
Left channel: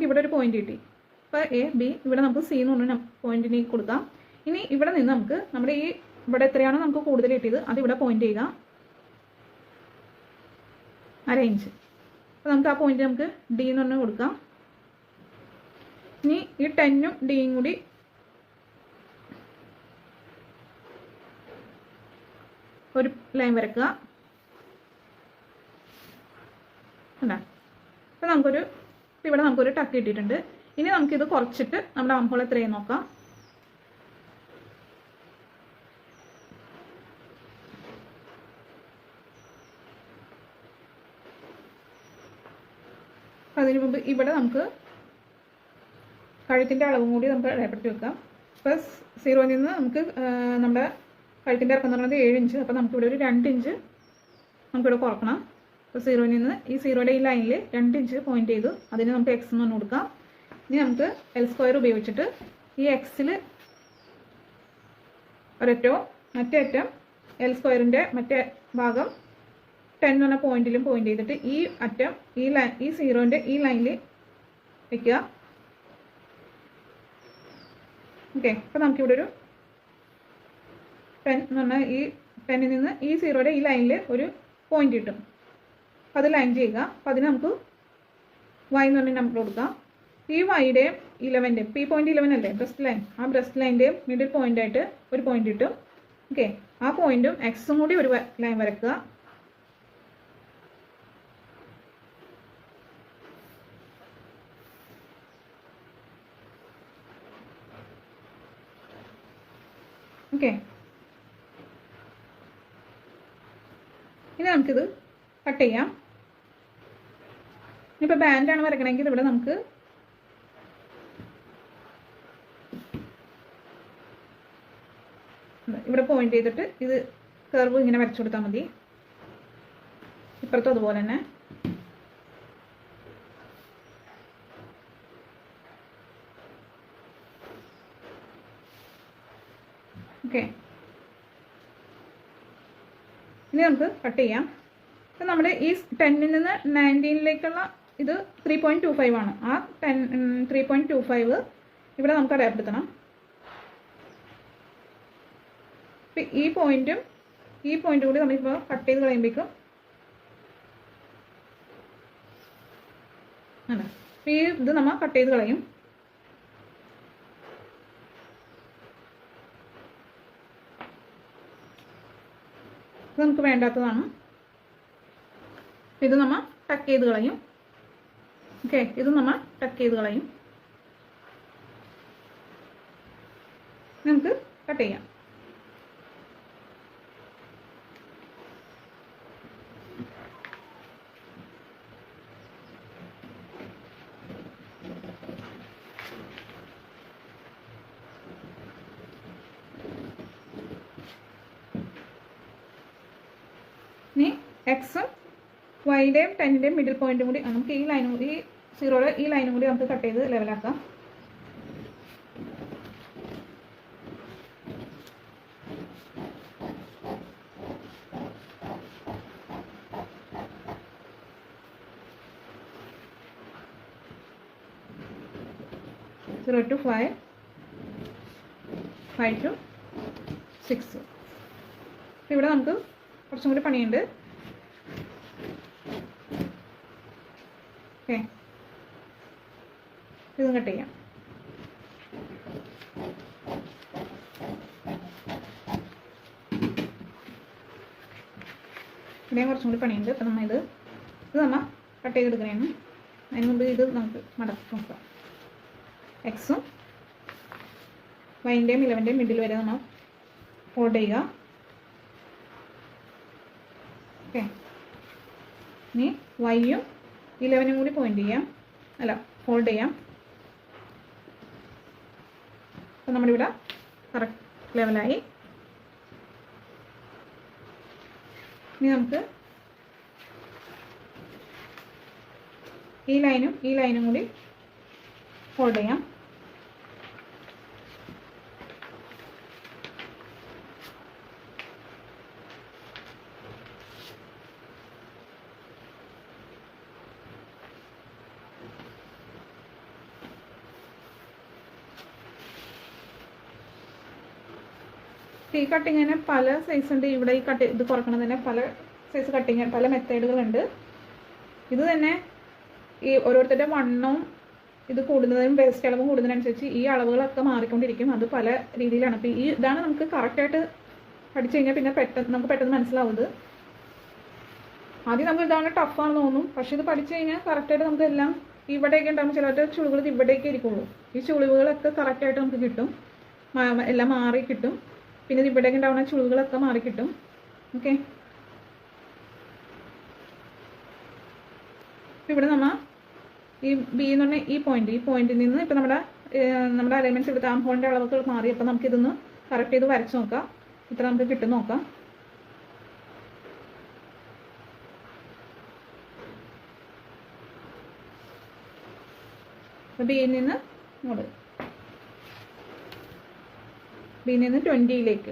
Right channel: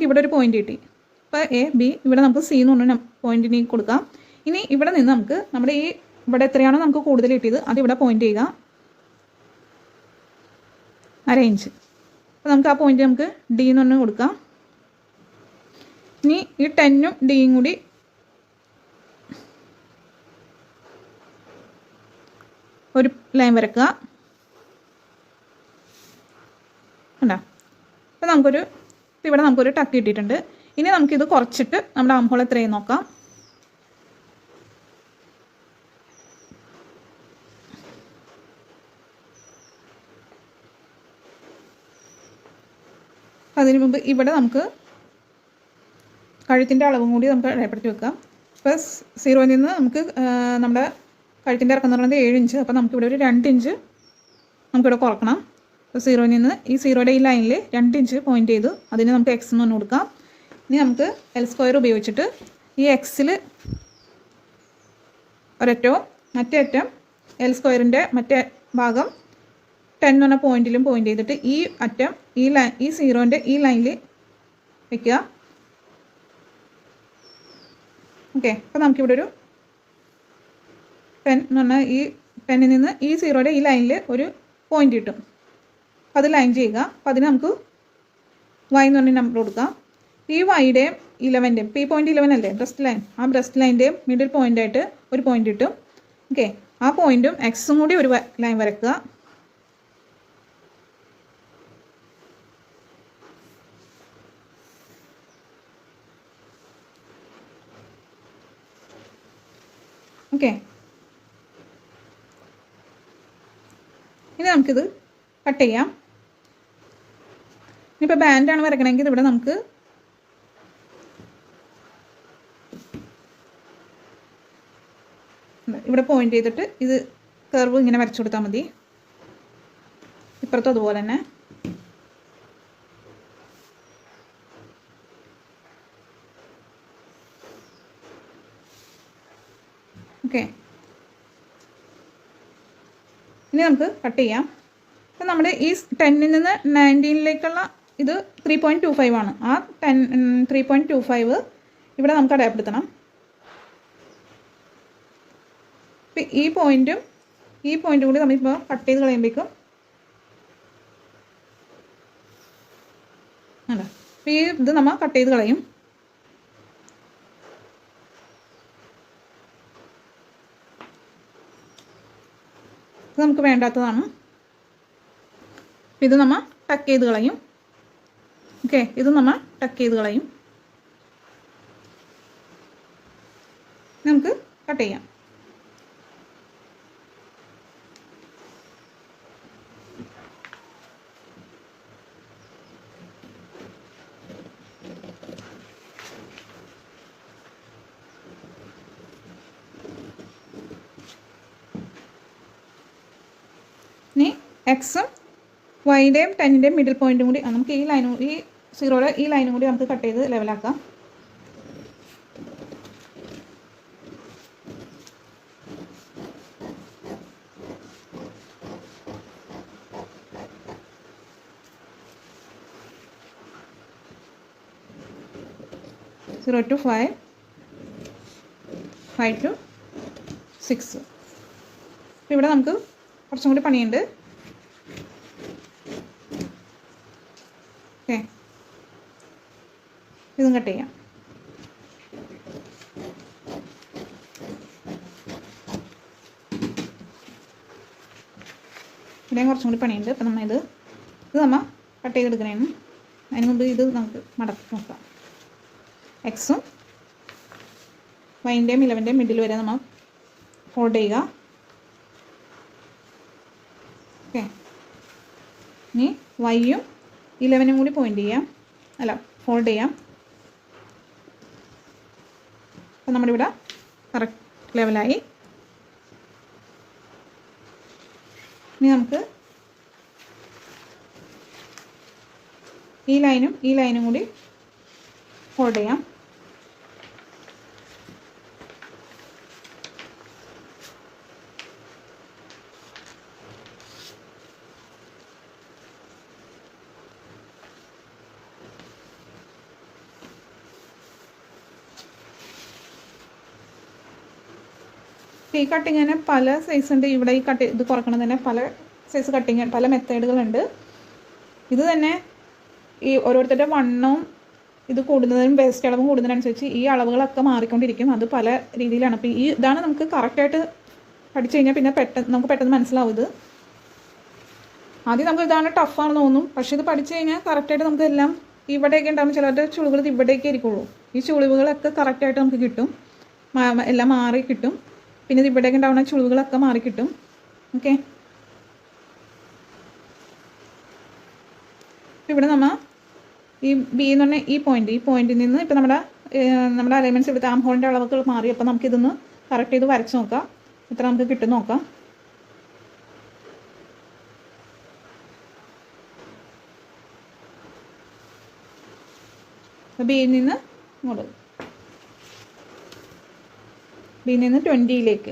ഇവിടെ ഒരു പോയിന്റ് കിട്ടി. അപ്പോൾ A, B, ഇവിടെ നമുക്ക് C എന്ന് പറഞ്ഞ പോയിന്റിന് കൊടുക്കാം. ഇനി ഇവിടെ നിന്ന് നമുക്ക് നമ്മുടെ ഇവിടെ എത്രയാണോ നമുക്ക് കൂടുതൽ കിട്ടിയത് അതിവിടെ പോയിന്റ് ചെയ്യുക, 1/2 ഇഞ്ച്. അപ്പോൾ നമുക്ക് ആ പോയിന്റ് നമുക്ക് D എന്ന് പറഞ്ഞ് കൊടുക്കാം. ഇനി ഈ 10ഉം Dയും കൂടി ഒരു ലൈൻ വരക്കുക. കണ്ടോ? അപ്പോൾ ഇവിടെ നമുക്കൊരു ടക്ക് കിട്ടിയിട്ടുണ്ട്. ഇനി നമുക്കിത് കുറച്ചിട്ട് നമ്മുടെ ആം ഹോൾ എത്രയും നോക്കാം. അതിന് മുമ്പ് ഇവിടെ നമുക്ക് കഴുത്തിൻ്റെ അളവും കൂടി നമുക്ക് രേഖപ്പെടുത്തി വെക്കാം. ഇപ്പോൾ 0ൽ നിന്ന് നമുക്ക് നമ്മുടെ കഴുത്തിൻ്റെ ഇറക്കം എന്ന് പറയുന്നത് 7 ഇഞ്ച്. അപ്പോൾ നമുക്കിവിടെ ഒരു 2 ഇഞ്ച് നമുക്കിവിടെ കുറക്കണം. അപ്പോൾ 0ൽ നിന്ന് ഈ 0യുടെ ഈ ലൈനിൽ 2 ഇഞ്ച് പോയിന്റ് ചെയ്ത് അതിന് നമുക്ക് X എന്ന് പറഞ്ഞു കൊടുക്കാം. ഇനി നമുക്ക് L² ഉപയോഗിച്ചിട്ട് ഈ Xൽ ഒരറ്റവും മറ്റേ അറ്റം L² മറ്റേ ഭാഗം 10 എന്ന് പറഞ്ഞ പോയിന്റിലും പോയിന്റ് ചെയ്തിട്ട് ഈ അറ്റം ഈ 0ൻ്റെ ഈ ലൈനിൽ വയ്ക്കുക. ഓക്കെ, അപ്പോൾ നമുക്കിവിടെ ഒരു 10 എന്ന് പറഞ്ഞാൽ ഈ 10ൽ നിന്ന് ഈ 0യുടെ ഈ ലൈനിൽ ഒരു പോയിന്റ് കിട്ടും. അപ്പോൾ അത് ലൈൻ ചെയ്യുക. അപ്പോൾ അതിന് നമുക്ക് Y എന്ന് പറഞ്ഞ നമ്പർ കൊടുക്കാം. ഈ Yയുടെയും 11ൻ്റെയും P പോയിന്റ് 11 അല്ലേ ബ്രസ്റ്റ് ലൈൻ, ആ ബ്രസ്റ്റ് ലൈൻ്റെയും മിഡിൽ പോയിൻ്റായിട്ട് ഒരു പോയിന്റ് കിട്ടും. ഓക്കെ, ആ പോയിന്റും Xും കൂടി ഒരു ലൈൻ വരയ്ക്കുക. ഓക്കെ, ഇനി നമുക്കിത് കട്ട് ചെയ്യാം. ഇനിയിപ്പോൾ ബാൻഡാണ് വരയ്ക്കണമെങ്കിൽ ഇവിടെ നമുക്ക് ഇവിടെ പോയിന്റ് ചെയ്തിട്ട് ഇത് കർവ് ഇങ്ങനെ വരച്ചു കൊടുത്താൽ മതി. ഇപ്പുറത്തും അതുപോലെ തന്നെ. ഓക്കെ, ഇനി നമുക്ക് കട്ട് ചെയ്യാം. അപ്പം നമ്മുടെ ഈ 10ൽ നിന്ന് 19ലേക്കുള്ള ഇത് 3.25 ആണ്. ആ 3.25 ഇവിടെ നമുക്ക് അടയാളപ്പെടുത്തണം. അപ്പം ഈ പോയിന്റും കൂടി നമ്മളിപ്പോൾ കട്ട് ചെയ്ത് കളയുമ്പോഴേക്കും അല്ല, അപ്പം ഇത് നമ്മൾ കട്ട് ചെയ്ത് കളയും. ഇത് നമുക്ക് വേണ്ടാത്തതാണ്. ഇത് നമ്മൾ ടക്ക് ചെയ്ത് കളയും. ഓക്കെ, ഇത് നമ്മൾ ടക്ക് ചെയ്ത് കളയും. നമുക്ക് കട്ട് ചെയ്യാം. എക്സും വൈയുടെയും 10ൻ്റെയും മിഡിൽ പോയിൻറ്റും കൂടി നമുക്ക് ഈ ലൈനും ഈ 0യുടെ ഈ ലൈനും കൂടി നമുക്ക് കട്ട് ചെയ്ത് ലെവലാക്കാം. Zero to 5, 5 to 6. ഇവിടെ നമുക്ക് കുറച്ചും കൂടി പണിയുണ്ട്. ഓക്കെ, ഇതും കട്ട് ചെയ്യാം. ഇവിടെയും കുറച്ചും കൂടി പണിയുണ്ട്. അപ്പം നമ്മൾ ഇത് നമ്മൾ കട്ട് ചെയ്തെടുക്കണേന്ന്. അതിന് മുമ്പ് ഇത് നമുക്ക് മടക്കി നോക്കാം. എക്സും വൈൻ്റെയും 11ൻ്റെയും മിഡിൽ വരെ നമ്മൾ ഫോൾഡ് ചെയ്യുക. ഓക്കെ, ഇനി വൈയും 11നും കൂടി പോയിൻ്റ് ചെയ്യാം, അല്ല ഫോൾഡ് ചെയ്യാം. അപ്പം നമ്മുടെ ഇവിടെ കറക്റ്റ് ലെവലായി. ഇനി നമുക്ക് ഈ ലൈനും കൂടി ഫോൾഡ് ചെയ്യാം. ഈ കട്ടിങ്ങിന് പല സൈസ് ഉണ്ട്. ഇവിടെ ഈ ഇത് കുറയ്ക്കണതിന് പല സൈസ് കട്ടിങ്, പല മെത്തേഡുകളുണ്ട്. ഇത് തന്നെ ഈ ഓരോരുത്തരുടെ വണ്ണവും ഇത് കൂടുന്നതിനും വേസ്റ്റ് അളവും കൂടുന്നതിനനുസരിച്ച് ഈ അളവുകളൊക്കെ മാറിക്കൊണ്ടിരിക്കും. അത് പല രീതിയിലാണ്. അപ്പോൾ ഇതാണ് നമുക്ക് കറക്റ്റായിട്ട് പഠിച്ചു കഴിഞ്ഞാൽ പിന്നെ നമുക്ക് പെട്ടെന്ന് മനസ്സിലാവും. ഇത് ആദ്യം നമുക്ക് ഇതാണ് ടഫാണെന്ന് തോന്നും, പക്ഷേ ഇത് പഠിച്ചു കഴിഞ്ഞാൽ കറക്റ്റായിട്ട് നമുക്ക് എല്ലാം ഇവിടെയൊക്കെ ഉണ്ടാകുമ്പോൾ ചിലരുടെ ചുളിവുകൾ ഇവിടേക്ക് ആയിരിക്കുള്ളൂ. ഈ ചുളിവുകളൊക്കെ കറക്റ്റായിട്ട് നമുക്ക് കിട്ടും, എല്ലാം മാറി കിട്ടും. പിന്നെ ഇത് ഇവിടേക്ക് ഉണ്ടാകുന്ന ചുളിവുകളൊക്കെ മാറിക്കിട്ടും. ഓക്കെ, ഇവിടെ നമ്മൾ ഈ ബി എന്ന് പറഞ്ഞാൽ ഈ പോയിന്റിൽ നിന്ന് ഇപ്പം നമ്മുടെ അലൈൻമെൻറ്റ്സ് ഇവിടുത്തെ ആം ഹോളിൻ്റെ അളവുകൾ മാറി. അപ്പോൾ നമുക്കിതൊന്ന് കറക്റ്റ് ചെയ്ത് വരച്ച് നോക്കാം, എത്ര നമുക്ക് കിട്ടും നോക്കാം. ബിയിൽ നിന്ന് 20യിലേക്ക്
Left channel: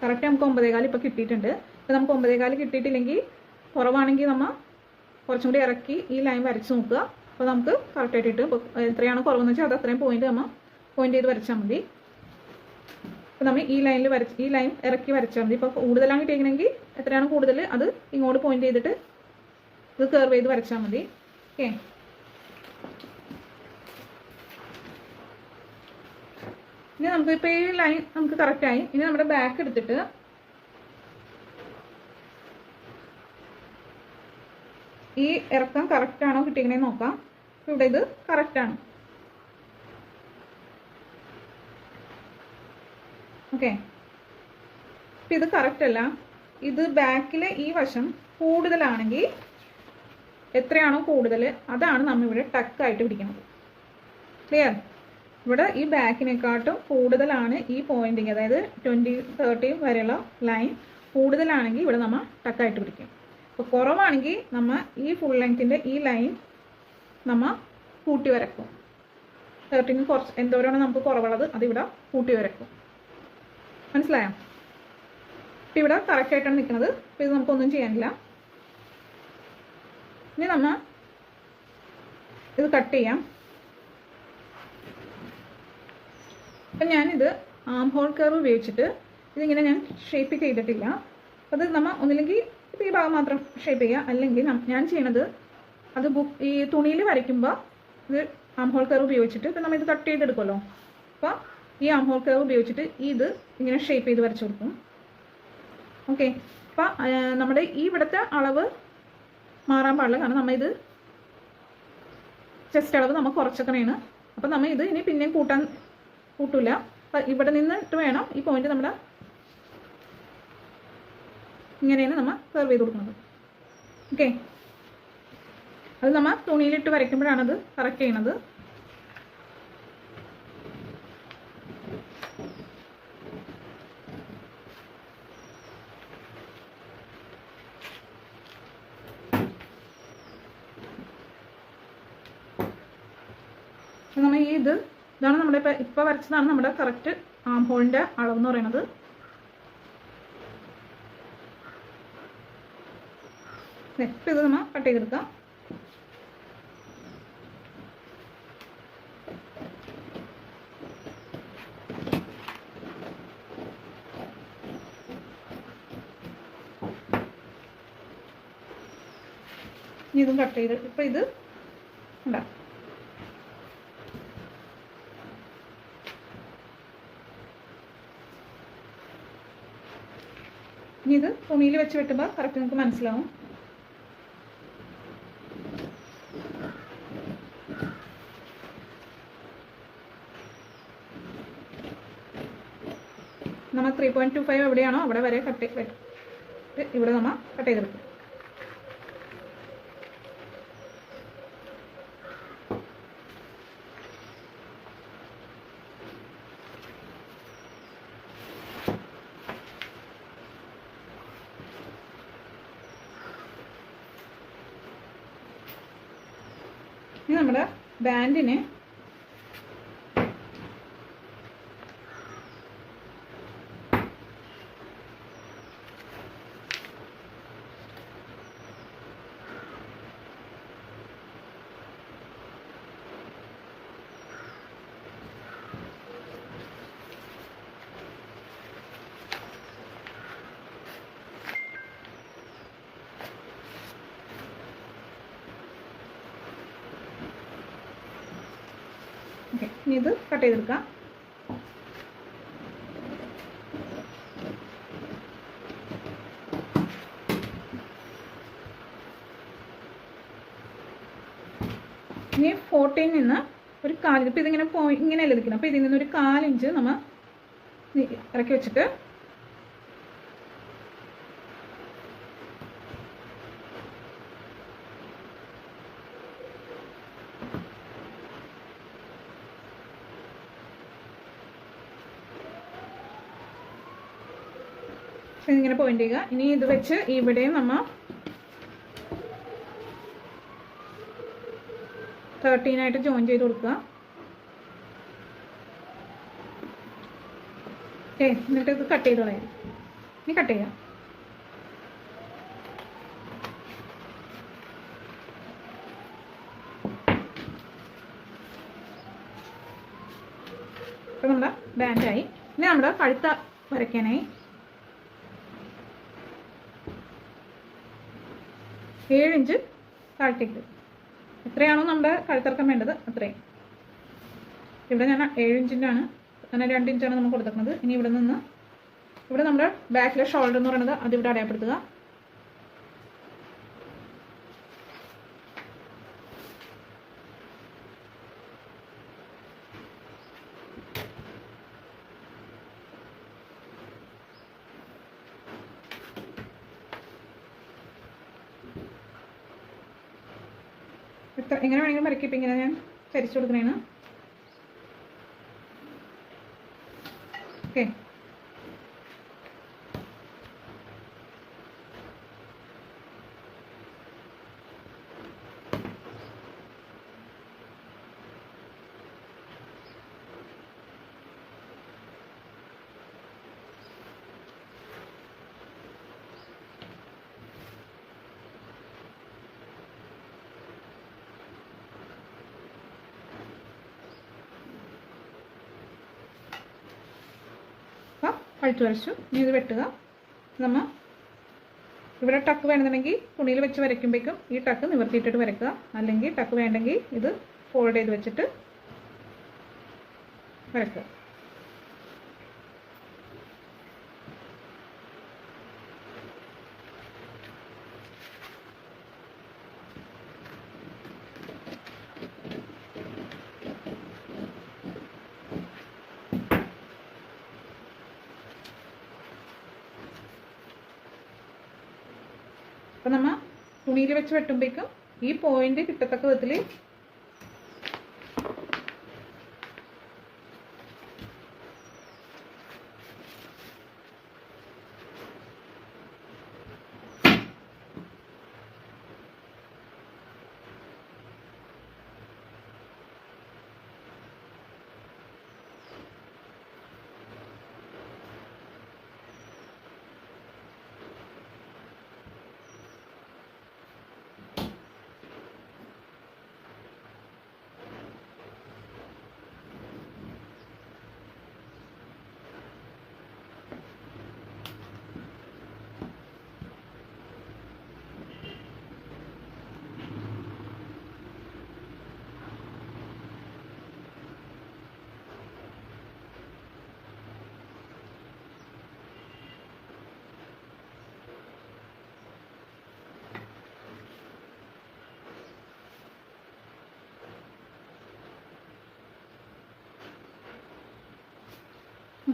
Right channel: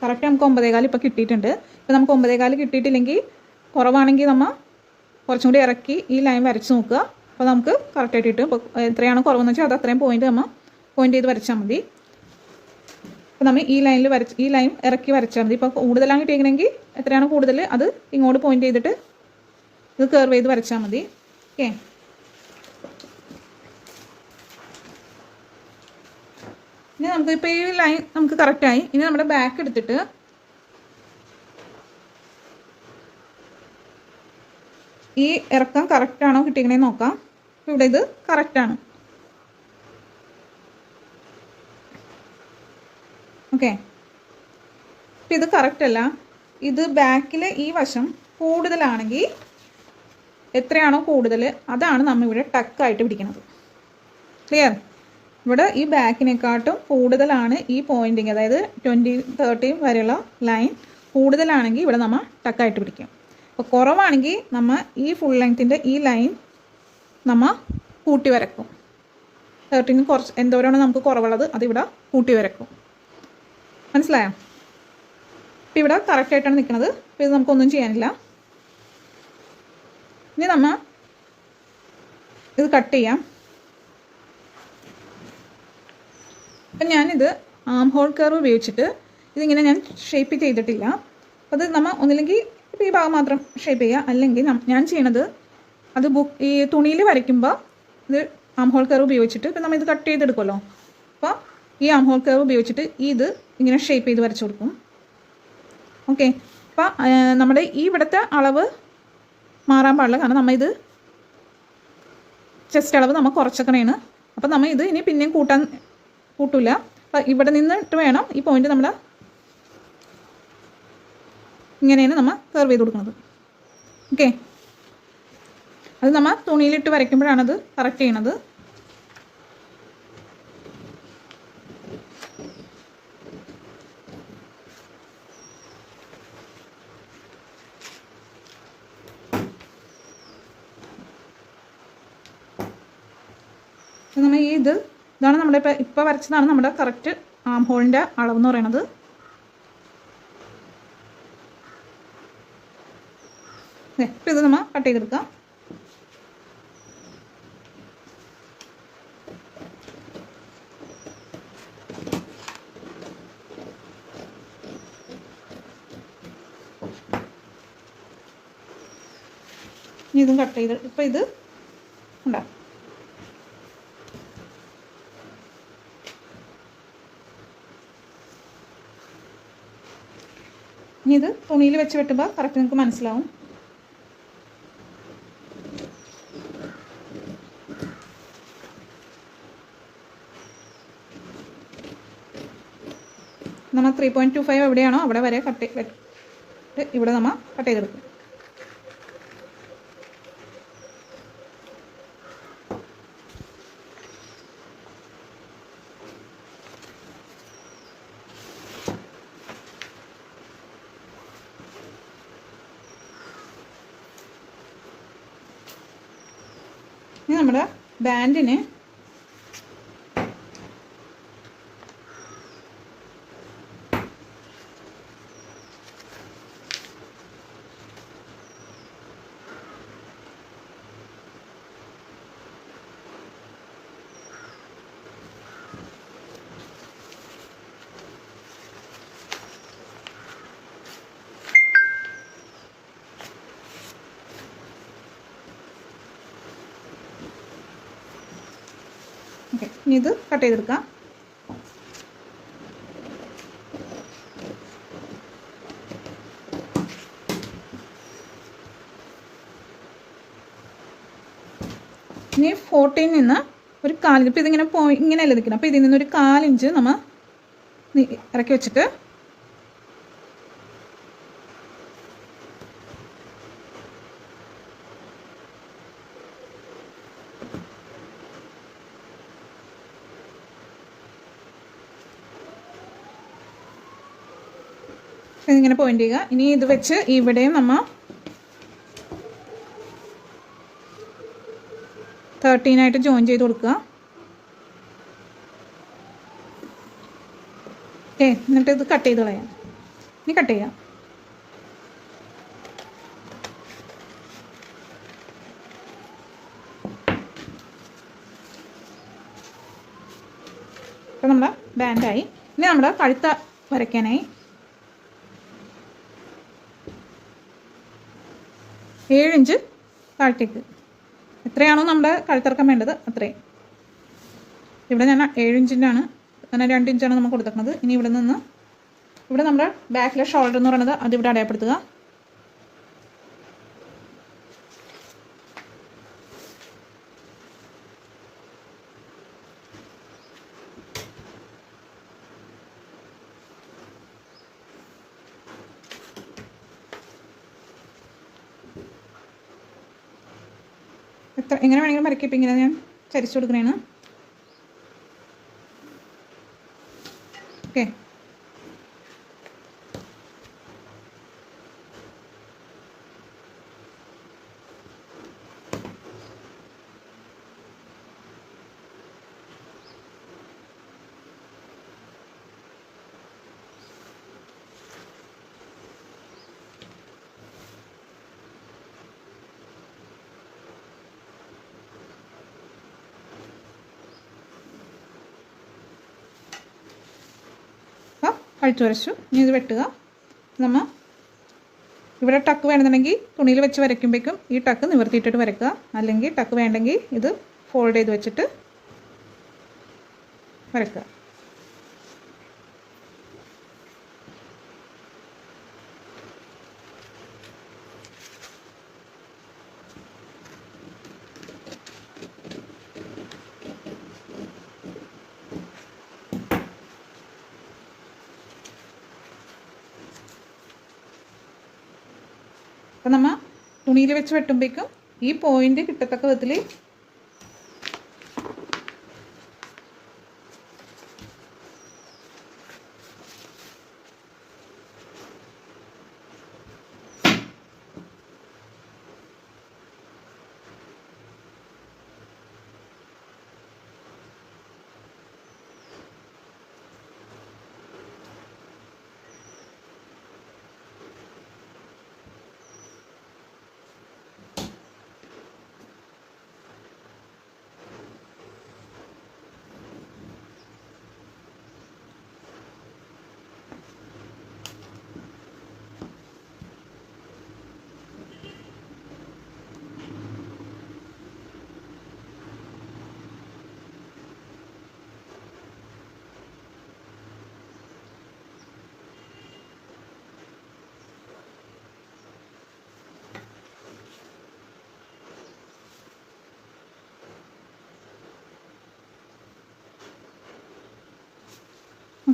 കറക്റ്റ് നമുക്ക് 9.25 ഇപ്പോൾ കിട്ടിയിട്ടുണ്ട്. ഇപ്പോൾ നമുക്ക് 9.25 കിട്ടിയിട്ടില്ലെങ്കിൽ, കുറവാണെങ്കിൽ നമ്മൾ കുറച്ചും കൂടി ഇറക്കി ഈ ലൈൻ വരച്ച് നോക്കുക. അപ്പോൾ നമുക്ക് കറക്റ്റായിട്ട് കിട്ടും. ഇപ്പോൾ എത്രയാണ് കുറവെന്ന് വെച്ചാൽ അത് അത്രയും പോയിൻ്റ് ചെയ്ത് വരച്ചാൽ മതി. അപ്പോൾ നമ്മൾ ഈ ലൈൻ ഇറക്കി വരച്ചാൽ മതി. ഇപ്പോൾ കൂടുതലാണ് കിട്ടിയെങ്കിൽ എത്രയാണ് കൂടുതൽ അത് ഇങ്ങോട്ട് പോയിൻ്റ് ചെയ്തിട്ട് ഇത് കർവ് ചെയ്ത് വരച്ചാൽ മതി. ഓക്കെ, ഇനി നമുക്ക് ഇപ്പോൾ ഈ ലൈൻ നമുക്ക് കറക്റ്റായി. ഇനി നമ്മുടെ ബാക്ക് എടുത്തിട്ട് ഈ ഇറക്കം കറക്റ്റാണോ കിട്ടിക്കണേന്ന് നോക്കാം. ഇവിടെ ഇത് കറക്റ്റാണ്. ഓക്കെ, ഇപ്പം ഇത് കറക്റ്റ് അല്ല. ഇത് ബാക്കിലെ ഈ വശം കൂടുതലാണെങ്കിൽ എത്രയാണോ കൂടുതൽ അതാണ് നമ്മളിവിടെ ടക്കായിട്ട് പിടിക്കുന്നത്. ക്ലിയർ? ഇവിടെ ഈ ബാക്കിനെക്കാട്ടും കൂടുതലാണ് ഈ പോയിൻറ്റിങ്, അതായത് 20, 30 വരെയുള്ള ലൈൻ കൂടുതലാണെങ്കിൽ ഇവിടെ നമ്മൾ ടക്കായിട്ട് പിടിക്കും. അപ്പോൾ കുറവാണെങ്കിൽ നമ്മൾ ഈ ഫുൾ ലെങ്ത്തിൻ്റെ ഈ ലൈൻ നമ്മൾ കൂട്ടി വരക്കും. 30ന് കുറച്ച് എന്തോരാണ് നമുക്ക് കുറവുള്ളത് അതിവിടെ കൂട്ടി വരക്കും. മനസ്സിലായോ? ഇപ്പോൾ ഇവിടെ കറക്റ്റായിട്ടാണ് നിൽക്കുന്നത്. അപ്പോൾ ഇത് നമുക്കൊന്നും ചെയ്യാനില്ല. ഇനി നമ്മൾ ഇത് കട്ട് ചെയ്യാം. അപ്പം ഞാനിത് ആം ഹോൾ കർവ് ഉപയോഗിച്ചിട്ട് ഇതിങ്ങനെ ഞാൻ ഷേപ്പ് ചെയ്തിട്ടില്ല. അപ്പോൾ അത് നമ്മൾ ഒന്നില്ലെങ്കിൽ ഇപ്പോൾ ഈ ഭാഗം മാത്രം ഷേപ്പ് ചെയ്യുക, അല്ലെങ്കിൽ ഞാൻ ചെയ്യണത് അത് ഈ തുണിയിൽ വരയ്ക്കുമ്പോൾ ഇത് ആം ഹോൾ കർവ് ഉപയോഗിച്ചിട്ട് ഇപ്പം നമ്മൾ ഇത് കട്ട് ചെയ്തെടുക്കുമല്ലോ. അപ്പോൾ ഈ ആം ഹോൾ കർവ് ഉപയോഗിച്ചിട്ട് ഇത് ഇങ്ങനെ ഷേപ്പ് ചെയ്ത് വരച്ചു കൊടുക്കും. ഓക്കെ, അപ്പോൾ നമ്മുടെ ഈ ഇവിടുത്തെ അളവ് മാറാൻ പാടില്ല, കാരണം നമ്മൾ ഇത് ചെസ്റ്റ് അളവ് നമ്മൾ കുറച്ചൊക്കെയാണ്. അപ്പോൾ നമ്മൾ ഇത് ഇനി പിന്നെയും കൂട്ടില്ല. അപ്പം ഇവിടെ നിന്നിട്ട് വേണം ഈ പോയിന്റ് നമ്മൾ ഇങ്ങനെയാണ് നമ്മൾ കർവ് ചെയ്ത് കൊടുക്കുന്നത്. ഓക്കെ, അത് നമ്മൾ തുണിയിലിട്ട് വരയ്ക്കുമ്പോഴാണത് കറക്റ്റ് ചെയ്യണത്. നമ്മൾ ഇതാണ് നമ്മുടെ ഇപ്പോൾ വരച്ചതാണ് നമ്മുടെ കറക്റ്റ് ആം ഹോളിൻ്റെ അളവെന്ന് പറയുന്നത്. ഇപ്പം ഇത് നമ്മൾ കട്ട് ചെയ്തെടുക്കാം. ഇതും കട്ട് ചെയ്ത് ഇപ്പം ഇത് ഉണ്ടാവും. ഇനി ഇത് തുണിയിൽ വെച്ച് വെട്ടുമ്പോൾ കറക്റ്റ് നിങ്ങൾക്ക് മനസ്സിലാവും. നമ്മൾ 3.25 എവിടെയാണോ അവിടെ വരെ ഇവിടെ നമ്മൾ കട്ട് ചെയ്തെടുക്കും. ഇനി നമ്മുടെ ബാൻഡിന് ഇനി ഇത് കട്ട് ചെയ്തെടുക്കാം. ഇനി 14 നിന്ന് ഒരു 4 ഇപ്പം ഇതിങ്ങനെ ഇങ്ങനെയല്ല നിൽക്കണം. അപ്പോൾ ഇതിൽ നിന്നൊരു 4 ഇഞ്ച് നമ്മൾ ഇറക്കി വെച്ചിട്ട് ഇങ്ങനെ പോയിന്റ് ചെയ്യുക. ഇനി ഇത് വെച്ച് ഇവിടെയും നമ്മൾ 13 ആയിട്ട് ജോയിൻ ചെയ്ത് കൊടുക്കുക. എന്നിട്ട് ഇത് കട്ട് ചെയ്ത് കളയാം. ഇനി കട്ട് ചെയ്യാം. ഇപ്പം നമ്മുടെ ബാൻഡായി. ഇനി നമ്മുടെ കഴുത്ത വരയ്ക്കാനായി 7 ഇഞ്ച് താഴത്തേക്ക്, എത്രയാണോ നമ്മുടെ കഴുത്തിറക്കം വേണ്ടത് അത്രയും. ഇവിടെ ഞാൻ 7 ഇഞ്ചിൻ്റെ ആണ്, അങ്ങനെ 2 ഇഞ്ചാണ് നമ്മൾ കൊടുത്തിരിക്കുന്നത്. ഇനി ഇവിടെ നിന്ന് ഇവിടെ നമ്മുടെ ബാക്കിലെ ഷോൾഡർ എന്ന് പറയുന്നത് അതിവിടെ അടയാളപ്പെടുത്തുക. എങ്ങനെ വേണമെങ്കിലും വരയ്ക്കും. ഇപ്പം ഇങ്ങനെ ഞാൻ ചരിച്ചു കൊടുക്കുന്നതാണ്. ഓക്കെ, കഴുത്ത് വരച്ചു. ഇനി ഇത് വെട്ടുക. നമ്മൾ ഇവിടെ ടക്ക് വേണമെന്നുണ്ടെങ്കിൽ തുണിയിൽ വെച്ച് വരയ്ക്കുമ്പോഴേക്കും ഈ ടക്ക് നിവർത്തിയിട്ടിട്ട് വരയ്ക്കുക. അല്ലെങ്കിൽ ടക്ക് വേണ്ടെങ്കിൽ ഇത് ഫോൾഡ് ചെയ്ത് വെച്ചിട്ട് വരയ്ക്കുക. അപ്പോൾ നമ്മൾ തുണിയിൽ വെച്ച് വെട്ടുമ്പോഴേക്കും ഈ പോയിന്റ് കിട്ടത്തക്ക വിധത്തിൽ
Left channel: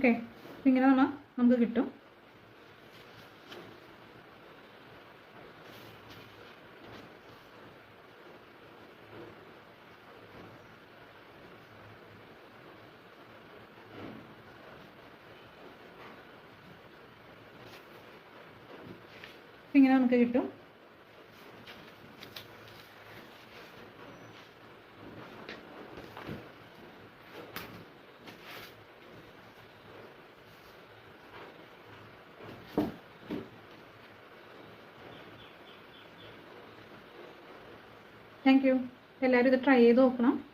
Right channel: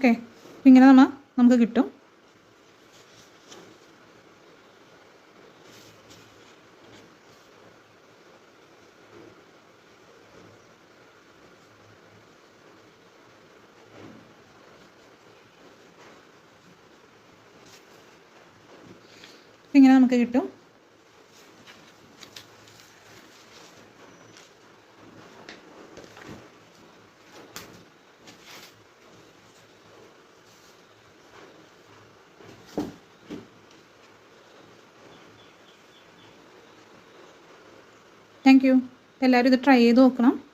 ഓക്കെ, ഇങ്ങനെ നമുക്ക് കിട്ടും. ഇങ്ങനെ നമുക്ക് കിട്ടും. Thank you. എല്ലാവരും ഇത് ട്രൈ ചെയ്ത് നോക്കണം.